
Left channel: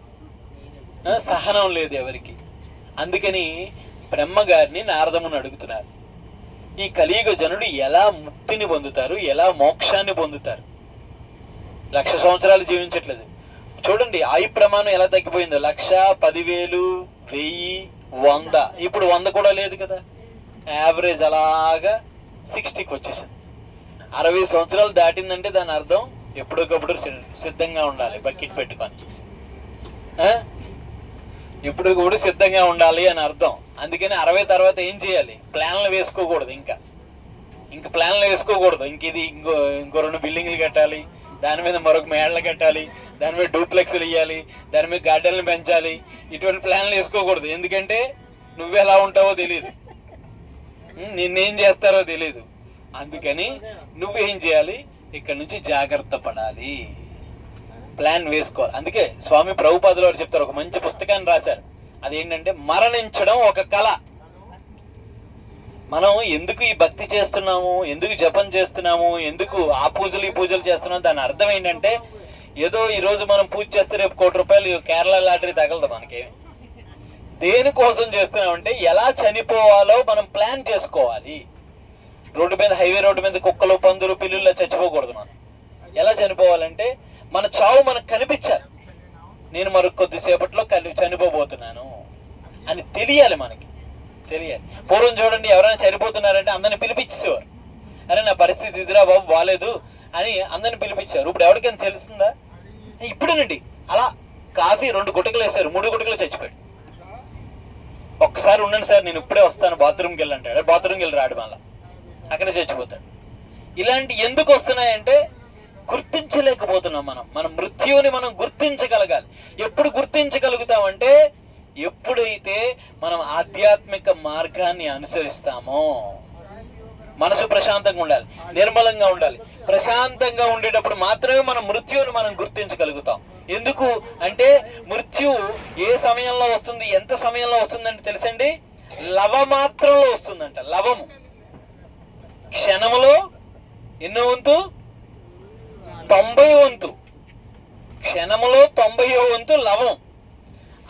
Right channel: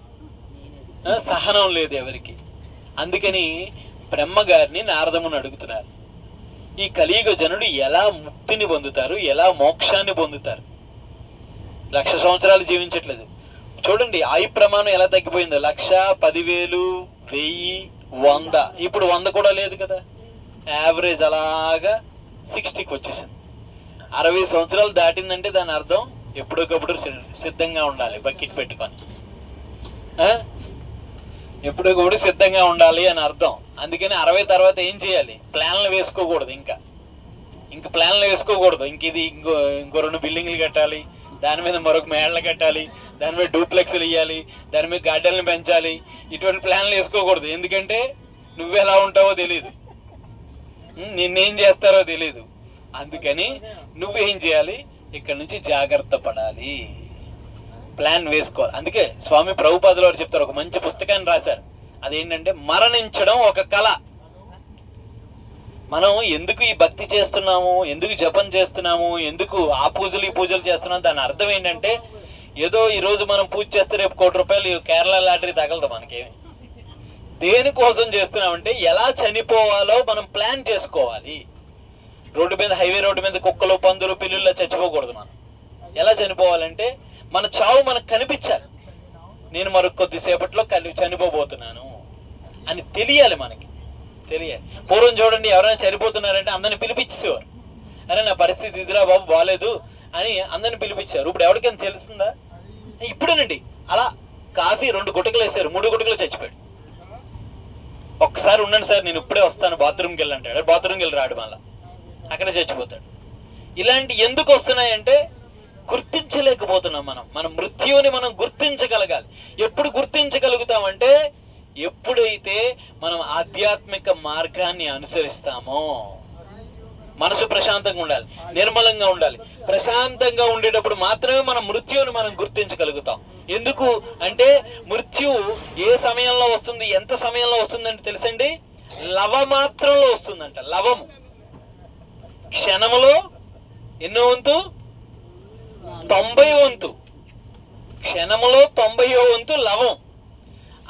సహనం లేదు ఎవరికి. అందుకని బ్రహ్మగారిని నారదముని అడుగుతున్నారు, ఈ కలియుగ జనుడు ఎలా ముక్తిని పొందుతారు, ఎలా మోక్షాన్ని పొందుతారు? 1,00,000 సంవత్సరాలు జీవించట్లేదు. చూడండి ఆయు ప్రమాణం ఎలా తగ్గిపోయిందో. 1,00,000, 10,000, 1000, 100. ఇప్పుడు 100 కూడా లేదు కదా. యావరేజ్ అలాగా 60కి వచ్చేసింది. 60 సంవత్సరాలు దాటిందంటే దాని అర్థం ఎప్పటికప్పుడు సిద్ధంగా ఉండాలి, బకెట్ పెట్టుకొని ఎప్పటికప్పుడు సిద్ధంగా ఉండాలి అని అర్థం. అందుకని 60 తర్వాత ఏం చేయాలి? ప్లాన్లు వేసుకోకూడదు, ఇంకా ప్లాన్లు వేసుకోకూడదు. ఇంకో 2 బిల్డింగ్లు కట్టాలి, దాని మీద మరొక మేడలు కట్టాలి, దాని మీద డూప్లెక్స్లు ఇవ్వాలి, దాని మీద గార్డెన్లు పెంచాలి. ఇటువంటి ప్లాన్లు వేసుకోకూడదు. ఎందుకంటే నువ్వెలా ఉంటావో తెలీదు, నిన్నేం చేస్తారో తెలీదు. అందుకని నువ్వేం చేయాలి? ఇక్కడ నుంచి జాగ్రత్త పడాలి, ప్లాన్ వేసుకోవాలి. అందుకే స్వామి ప్రభుపాదుల వారు చెప్తారు, ఒక మంచి పుస్తకాన్ని రాశారు. అదేంటంటే మరణించడం ఒక కళ. మనం ఎందుకు ఈ భక్తి చేస్తున్నాము, ఎందుకు జపం చేస్తున్నాము, ఎందుకు ఆ పూజలు ఈ పూజలు చేస్తున్నాము, దాని అర్థం ఏంటంటే ఏదో ఈరోజు మనం పూజ చేస్తే రేపు ₹1,00,00,000 కేరళ లాటరీ తగలదు మనకేమి. దేనికోసం చేస్తున్నామంటే ఎలా చనిపోవాలో మనం ప్లాన్ చేసుకోవాలి. రోడ్డు మీద, హైవే రోడ్డు మీద కుక్కలు, పందులు, పిల్లుల్లో చచ్చిపోకూడదు. మనం ఎలా చనిపోవాలంటే మన చావు మనకు కనిపించాలి. నేను మరొక కొద్దిసేపట్లో చనిపోబోతున్నాను అని తెలియాలి, మనకి తెలియాలి. పూర్వం చూడండి, ఎవరైనా చనిపోతున్నారంటే అందరిని పిలిపించేవారు. అరే నా పరిస్థితి ఇదిరా బాబు, బాగాలేదు అని అందరిని పిలిపించారు. ఇప్పుడు ఎవరికైనా తెలుస్తుందా? ఇప్పుడేనండి అలా కాఫీ 2 గుటకలు వేశారు, 3 గుటకలు చచ్చిపోయాడు. ఒక్కసారి ఉండండి సార్, నేను ఇప్పుడే వస్తాను, బాత్రూమ్కి వెళ్ళంటాడు. బాత్రూమ్కి వెళ్ళి రాడు, మళ్ళా అక్కడే చచ్చిపోతాడు. ఇలాంటి ఎందుకు వస్తున్నాయంటే గుర్తించలేకపోతున్నాం. మన మృత్యువుని మనం గుర్తించగలగాలి. ఎప్పుడు గుర్తించగలుగుతామంటే ఎప్పుడైతే మనం ఆధ్యాత్మిక మార్గాన్ని అనుసరిస్తామో. మనసు ప్రశాంతంగా ఉండాలి, నిర్మలంగా ఉండాలి. ప్రశాంతంగా ఉండేటప్పుడు మాత్రమే మనం మృత్యువుని మనం గుర్తించగలుగుతాం. ఎందుకు అంటే మృత్యువు ఏ సమయంలో వస్తుంది, ఎంత సమయంలో వస్తుందంటే తెలుసండి, లవమాత్రంలో వస్తుందంట. లవము క్షణములో ఎన్నో వంతు? 90వ వంతు. క్షణములో 90వ వంతు లవం.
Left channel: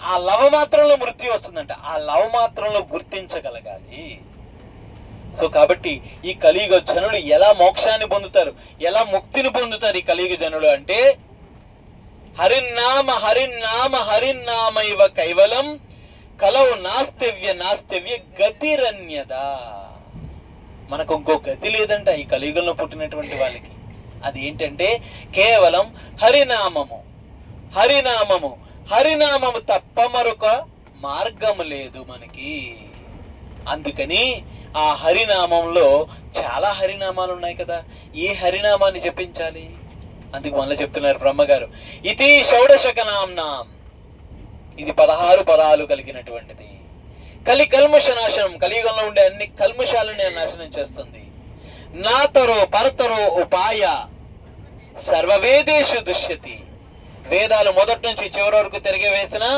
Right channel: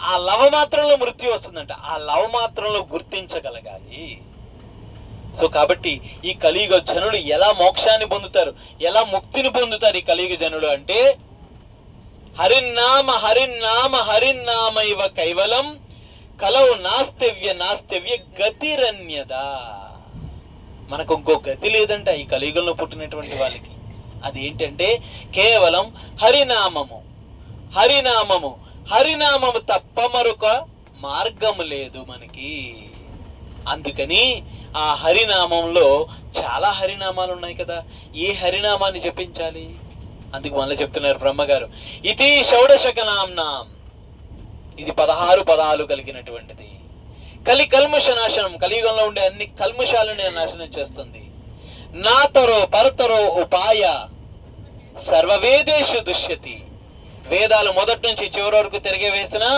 ఆ లవమాత్రంలో మృత్యు వస్తుందంట. ఆ లవమాత్రంలో గుర్తించగలగాలి. సో కాబట్టి ఈ కలియుగ జనులు ఎలా మోక్షాన్ని పొందుతారు, ఎలా ముక్తిని పొందుతారు ఈ కలియుగ జనులు అంటే హరిన్నామ హరిన్నామ హరిన్నామ ఇవ కైవలం కలవు నాస్తవ్య గతిరన్యదా. మనకు ఇంకో గతి లేదంట ఈ కలియుగంలో పుట్టినటువంటి వాళ్ళకి. అదేంటంటే కేవలం హరినామము, హరినామము, హరినామము తప్ప మరొక మార్గము లేదు మనకి. అందుకని ఆ హరినామంలో చాలా హరినామాలు ఉన్నాయి కదా. ఏ హరినామాన్ని జపించాలి? అందుకు మళ్ళీ చెప్తున్నారు బ్రహ్మగారు, ఇది షోడశక నామ్నాం. ఇది 16 పదాలు కలిగినటువంటిది. కల్మష నాశనం, కలియుగంలో ఉండే అన్ని కల్మషాలను నాశనం చేస్తుంది. నాతరో పరతరో ఉపాయ సర్వవేదేషు దుష్యతి వేదాలు మొదటి నుంచి చివరి వరకు తిరగవేసినా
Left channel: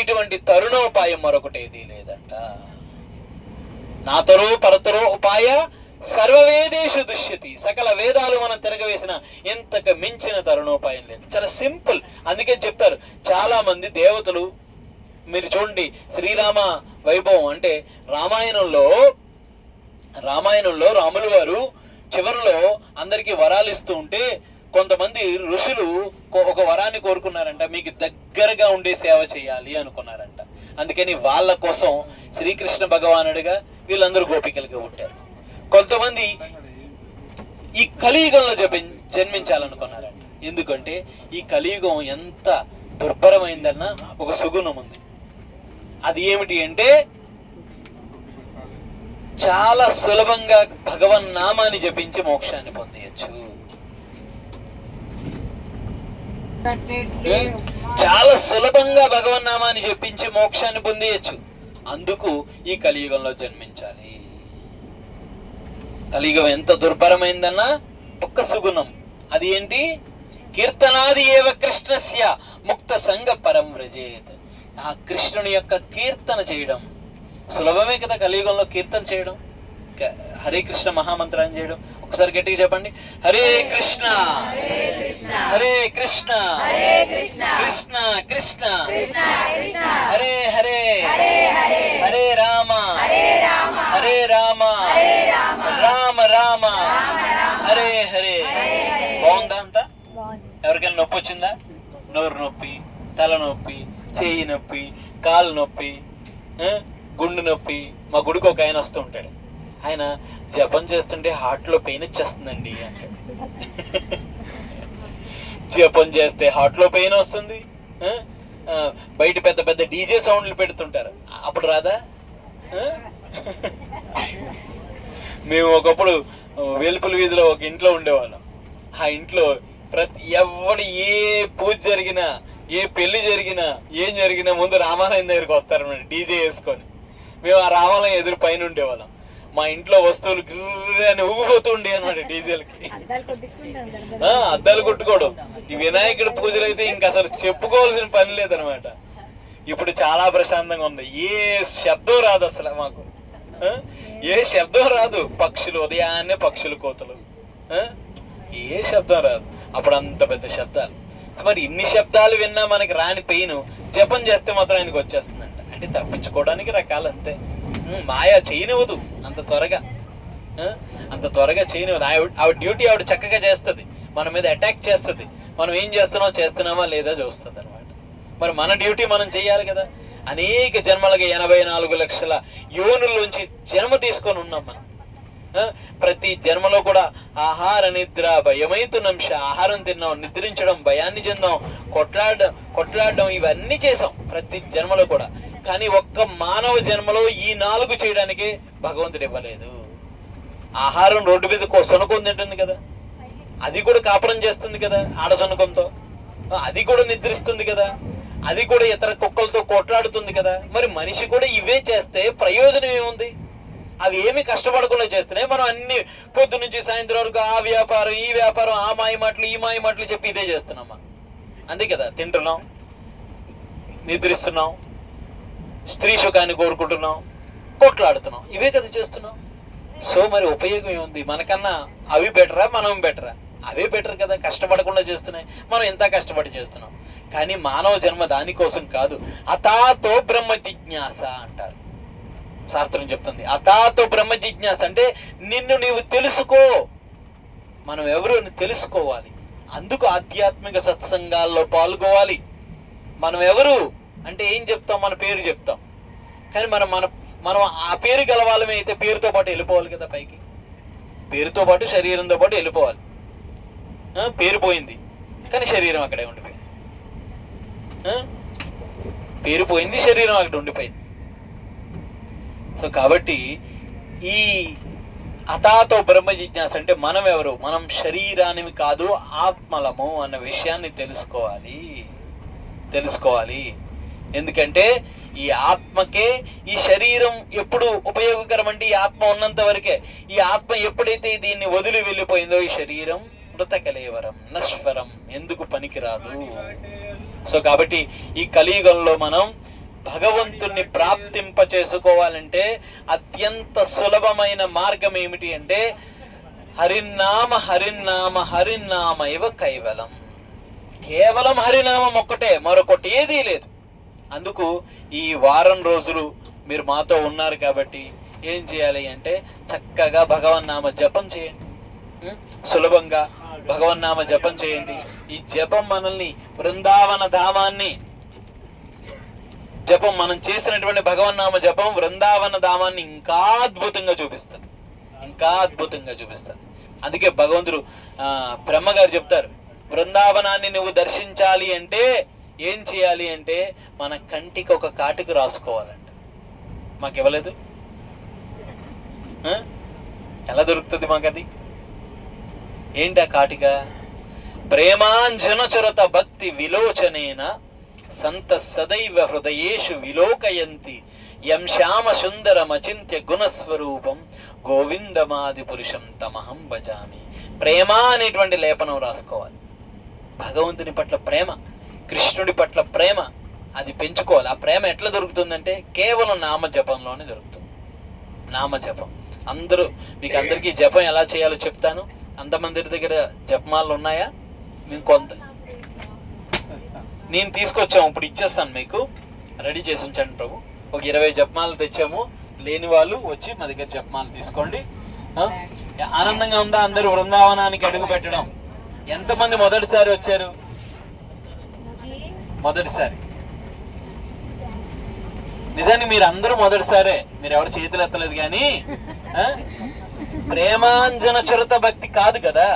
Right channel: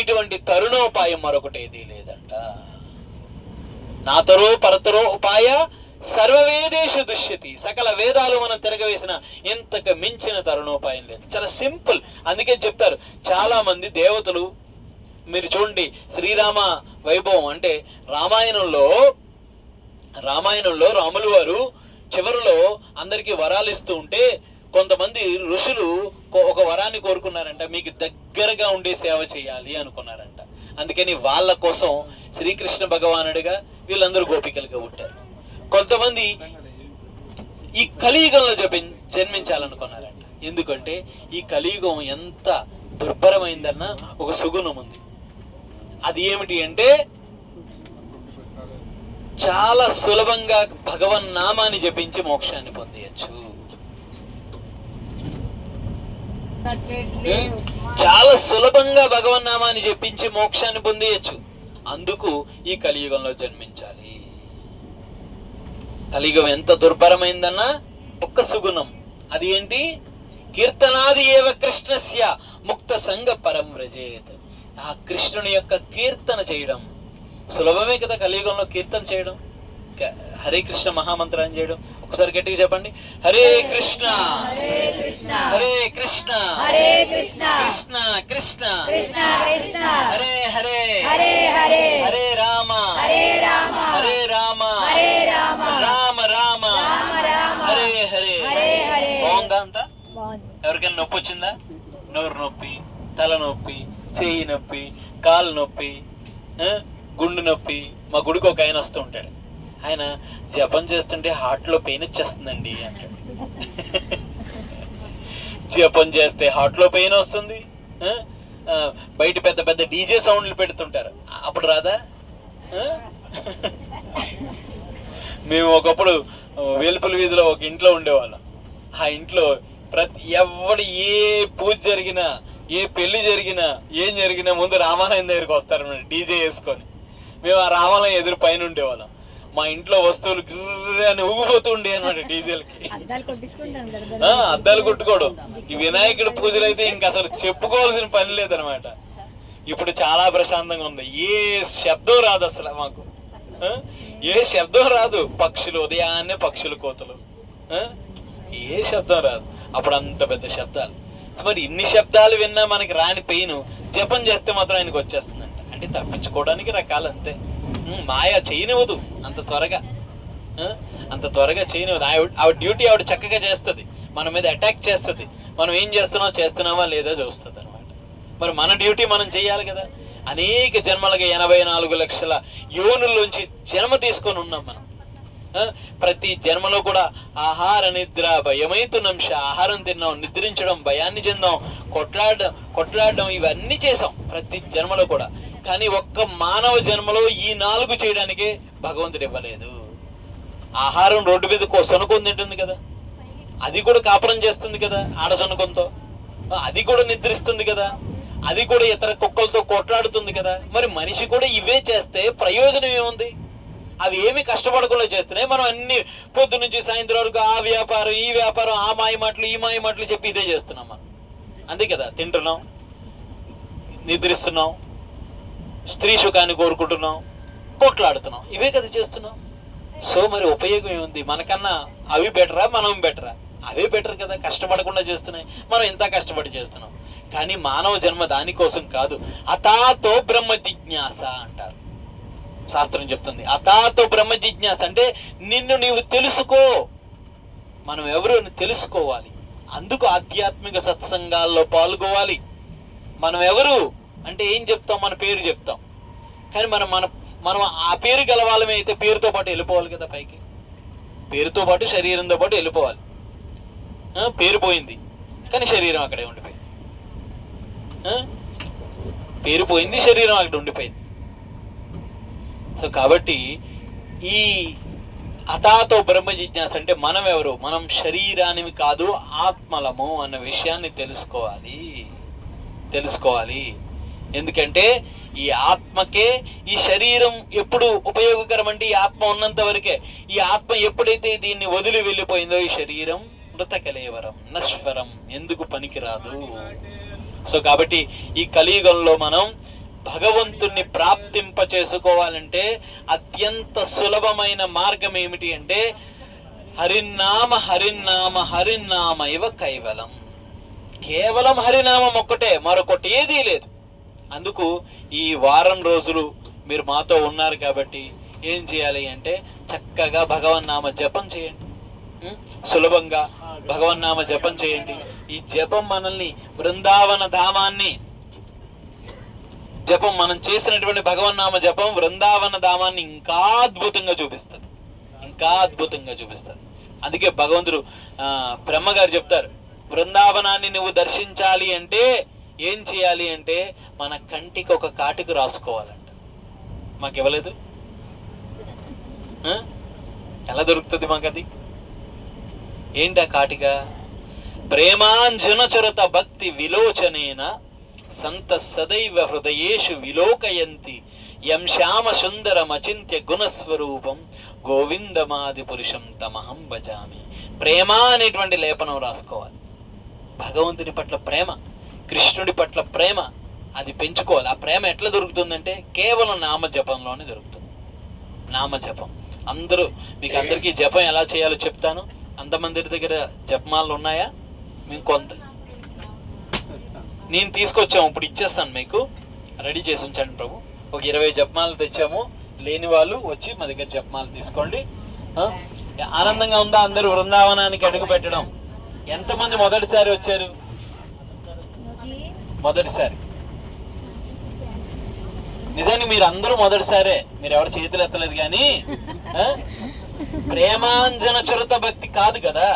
ఇటువంటి తరుణోపాయం మరొకటేది లేదంట. నాతరో పరతరో ఉపాయ సర్వవేదేషు దుష్యతి. సకల వేదాలు మనం తిరగవేసిన ఇంతకు మించిన తరుణోపాయం లేదు. చాలా సింపుల్. అందుకే చెప్తారు చాలా మంది దేవతలు. మీరు చూడండి, శ్రీరామ వైభవం అంటే రామాయణంలో రాములు వారు చివరిలో అందరికీ వరాలు ఇస్తూ ఉంటే కొంతమంది ఋషులు ఒక వరాన్ని కోరుకున్నారంట, మీకు దగ్గరగా ఉండే సేవ చేయాలి అనుకున్నారంట. అందుకని వాళ్ళ కోసం శ్రీకృష్ణ భగవానుడిగా వీళ్ళందరూ గోపికలుగా పుట్టారు. కొంతమంది ఈ కలియుగంలో జన్మించాలనుకున్నారంట. ఎందుకంటే ఈ కలియుగం ఎంత దుర్భరమైందన్న ఒక సుగుణం ఉంది. అది ఏమిటి అంటే చాలా సులభంగా భగవన్ నామాన్ని జపించి మోక్షాన్ని పొందేయచ్చు. చాలా సులభంగా భగవన్ నామాన్ని జపించి మోక్షాన్ని పొందేయచ్చు. అందుకు ఈ కలియుగంలో జన్మించాలి. కలియుగం ఎంత దుర్భరమైందన్నా ఒక్క సుగుణం. అది ఏంటి? కీర్తనాది ఏవ కృష్ణస్య ముక్త సంగ పరం వ్రజేత్. ఆ కృష్ణుని యొక్క కీర్తన చేయడం సులభమే కదా. కలియుగంలో కీర్తన చేయడం, హరే కృష్ణ మహామంత్రాన్ని చేయడం. ఒకసారి గట్టిగా చెప్పండి, హరే కృష్ణ హరే కృష్ణ కృష్ణ కృష్ణ హరే హరే హరే రామ హరే రామ రామ రామ హరే హరే. బాగుందా అంతా? ఎవరికైనా నొప్పి వచ్చిందా? నోరు నొప్పి, తలనొప్పి, చేయి నొప్పి, కాలు నొప్పి, గుండు నొప్పి. మా గుడికి ఒక ఆయన వస్తూ ఉంటాడు. ఆయన జపం చేస్తుంటే హార్ట్లో పెయిన్ వచ్చేస్తుందండి అంటాడు. జపం చేస్తే హార్ట్లో పెయిన్ వస్తుంది. బయట పెద్ద పెద్ద డీజే సౌండ్లు పెడుతుంటారు, అప్పుడు రాదా? మేము ఒకప్పుడు వేలుపుల వీధిలో ఒక ఇంట్లో ఉండేవాళ్ళం. ఆ ఇంట్లో ఎవడు ఏ పూజ జరిగినా, ఏ పెళ్లి జరిగినా, ఏం జరిగినా ముందు రామాలయం దగ్గరికి వస్తారన్నమాట డీజే వేసుకొని. మేము ఆ రామాలయం ఎదురు పైన ఉండేవాళ్ళం. మా ఇంట్లో వస్తువులు అని ఊగిపోతూ ఉండే అనమాట డీజేలకి. అద్దాలు కొట్టుకోవడం. ఈ వినాయకుడి పూజలు అయితే ఇంకా అసలు చెప్పుకోవాల్సిన పని లేదనమాట. ఇప్పుడు చాలా ప్రశాంతంగా ఉంది. ఏ శబ్దం రాదు అసలు మాకు, ఏ శబ్దం రాదు. పక్షులు ఉదయాన్నే పక్షులు కోతలు, ఏ శబ్దం రాదు. అప్పుడు అంత పెద్ద శబ్దాలు. మరి ఇన్ని శబ్దాలు విన్నా మనకి రాని పెయిన్ జపం చేస్తే మాత్రం ఆయనకు వచ్చేస్తుందంట. అంటే తప్పించుకోవడానికి రకాలు అంతే. మాయా చేయనివ్వదు అంత త్వరగా చేయనివ్వదు. ఆవిడ డ్యూటీ ఆవిడ చక్కగా చేస్తుంది, మన మీద అటాక్ చేస్తుంది. మనం ఏం చేస్తున్నామా లేదా చూస్తుంది అనమాట. మరి మన డ్యూటీ మనం చెయ్యాలి కదా. అనేక జన్మలుగా 84 లక్షల యోనుల్లోంచి జన్మ తీసుకొని ఉన్నాం మనం. ప్రతి జన్మలో కూడా ఆహార నిద్ర భయమైతునంశ. ఆహారం తిన్నాం, నిద్రించడం, భయాన్ని చెందాం, కొట్లాడడం ఇవన్నీ చేసాం ప్రతి జన్మలో కూడా. కానీ ఒక్క మానవ జన్మలో ఈ 4 చేయడానికి భగవంతుడు ఇవ్వలేదు. ఆహారం రోడ్డు మీద సొనుకొని తింటుంది కదా, అది కూడా కాపురం చేస్తుంది కదా ఆడ సొనుకంతో. అది కూడా నిద్రిస్తుంది కదా, అది కూడా ఇతర కుక్కలతో కొట్లాడుతుంది కదా. మరి మనిషి కూడా ఇవే చేస్తే ప్రయోజనం ఏముంది? అవి ఏమి కష్టపడకుండా చేస్తున్నాయి. మనం అన్ని పొద్దు నుంచి సాయంత్రం వరకు ఆ వ్యాపారం ఈ వ్యాపారం, ఆ మాయ మాటలు ఈ మాయ మాటలు చెప్పి ఇదే చేస్తున్నాం మనం. అంతే కదా, తింటున్నాం, నిద్రిస్తున్నాం, స్త్రీ సుఖాన్ని కోరుకుంటున్నాం, కొట్లాడుతున్నాం, ఇవే కదా చేస్తున్నాం. సో మరి ఉపయోగం ఏముంది? మనకన్నా అవి బెటరా మనం బెటరా? అవే బెటర్ కదా, కష్టపడకుండా చేస్తున్నాయి. మనం ఎంత కష్టపడి చేస్తున్నాం. కానీ మానవ జన్మ దానికోసం కాదు. అతాతో బ్రహ్మ జిజ్ఞాస అంటారు శాస్త్రం చెప్తుంది. అతాతో బ్రహ్మ జిజ్ఞాస అంటే నిన్ను నీవు తెలుసుకో. మనం ఎవరు తెలుసుకోవాలి. అందుకు ఆధ్యాత్మిక సత్సంగాల్లో పాల్గొవాలి. మనం ఎవరు అంటే ఏం చెప్తాం? మన పేరు చెప్తాం. కానీ మనం ఆ పేరు గెలవాలమే అయితే పేరుతో పాటు వెళ్ళిపోవాలి కదా పైకి. పేరుతో పాటు శరీరంతో పాటు వెళ్ళిపోవాలి. పేరు పోయింది కానీ శరీరం అక్కడే ఉండిపోయింది. పేరు పోయింది, శరీరం అక్కడ ఉండిపోయింది. సో కాబట్టి ఈ అతాతో బ్రహ్మ జిజ్ఞాస అంటే మనం ఎవరు? మనం శరీరానివి కాదు, ఆత్మలము అన్న విషయాన్ని తెలుసుకోవాలి. ఎందుకంటే ఈ ఆత్మకే ఈ శరీరం ఎప్పుడు ఉపయోగకరం అంటే ఈ ఆత్మ ఉన్నంత వరకే. ఈ ఆత్మ ఎప్పుడైతే దీన్ని వదిలి వెళ్ళిపోయిందో ఈ శరీరం మృతకలేవరం నశ్వరం, ఎందుకు పనికిరాదు. సో కాబట్టి ఈ కలియుగంలో మనం భగవంతుణ్ణి ప్రాప్తింప చేసుకోవాలంటే అత్యంత సులభమైన మార్గం ఏమిటి అంటే హరినామ హరినామ హరినామ ఇవ కైవలం. కేవలం హరినామం ఒక్కటే, మరొకటి ఏదీ లేదు. అందుకు ఈ వారం రోజులు మీరు మాతో ఉన్నారు కాబట్టి ఏం చేయాలి అంటే చక్కగా భగవన్నామ జపం చేయండి. సులభంగా భగవన్నామ జపం చేయండి. ఈ జపం మనల్ని బృందావన ధామాన్ని, జపం మనం చేసినటువంటి భగవన్నామ జపం బృందావన ధామాన్ని ఇంకా అద్భుతంగా చూపిస్తుంది, ఇంకా అద్భుతంగా చూపిస్తుంది. అందుకే భగవంతుడు బ్రహ్మగారు చెప్తారు, బృందావనాన్ని నువ్వు దర్శించాలి అంటే ఏం చేయాలి అంటే మన కంటికి ఒక కాటుకు రాసుకోవాలంట. మాకు ఇవ్వలేదు, ఎలా దొరుకుతుంది మాకు అది? ఏంటి ఆ కాటిక? ప్రేమాంజన చరత భక్తి విలోచనేన సంత సదైవ హృదయేషు విలోకయంతి యం శ్యామ సుందరం అచింత్య గుణస్వరూపం గోవిందమాది పురుషం తమహం భజామి. ప్రేమ అనేటువంటి లేపనం రాసుకోవాలి. భగవంతుని పట్ల ప్రేమ, కృష్ణుడి పట్ల ప్రేమ, అది పెంచుకోవాలి. ఆ ప్రేమ ఎట్లా దొరుకుతుందంటే కేవలం నామజపంలోనే దొరుకుతుంది. నామజపం. మీకు అందరికీ జపం ఎలా చేయాలో చెప్తాను. అంతమంది దగ్గర జపమాలు ఉన్నాయా? మేము కొంత నేను తీసుకొచ్చాము, ఇప్పుడు ఇచ్చేస్తాను, మీకు రెడీ చేసి ఉంచండి ప్రభు. ఒక 20 జపమాలు తెచ్చాము. లేని వాళ్ళు వచ్చి మా దగ్గర జపమాలు తీసుకోండి. ఆనందంగా ఉందా అందరూ బృందావనానికి అడుగు పెట్టడం? ఎంతమంది మొదటిసారి వచ్చారు? మొదటిసారి. నిజానికి మీరు అందరూ మొదటిసారే, మీరు ఎవరు చేతులు ఎత్తలేదు. కానీ ప్రేమాంజన చురత భక్తి కాదు కదా.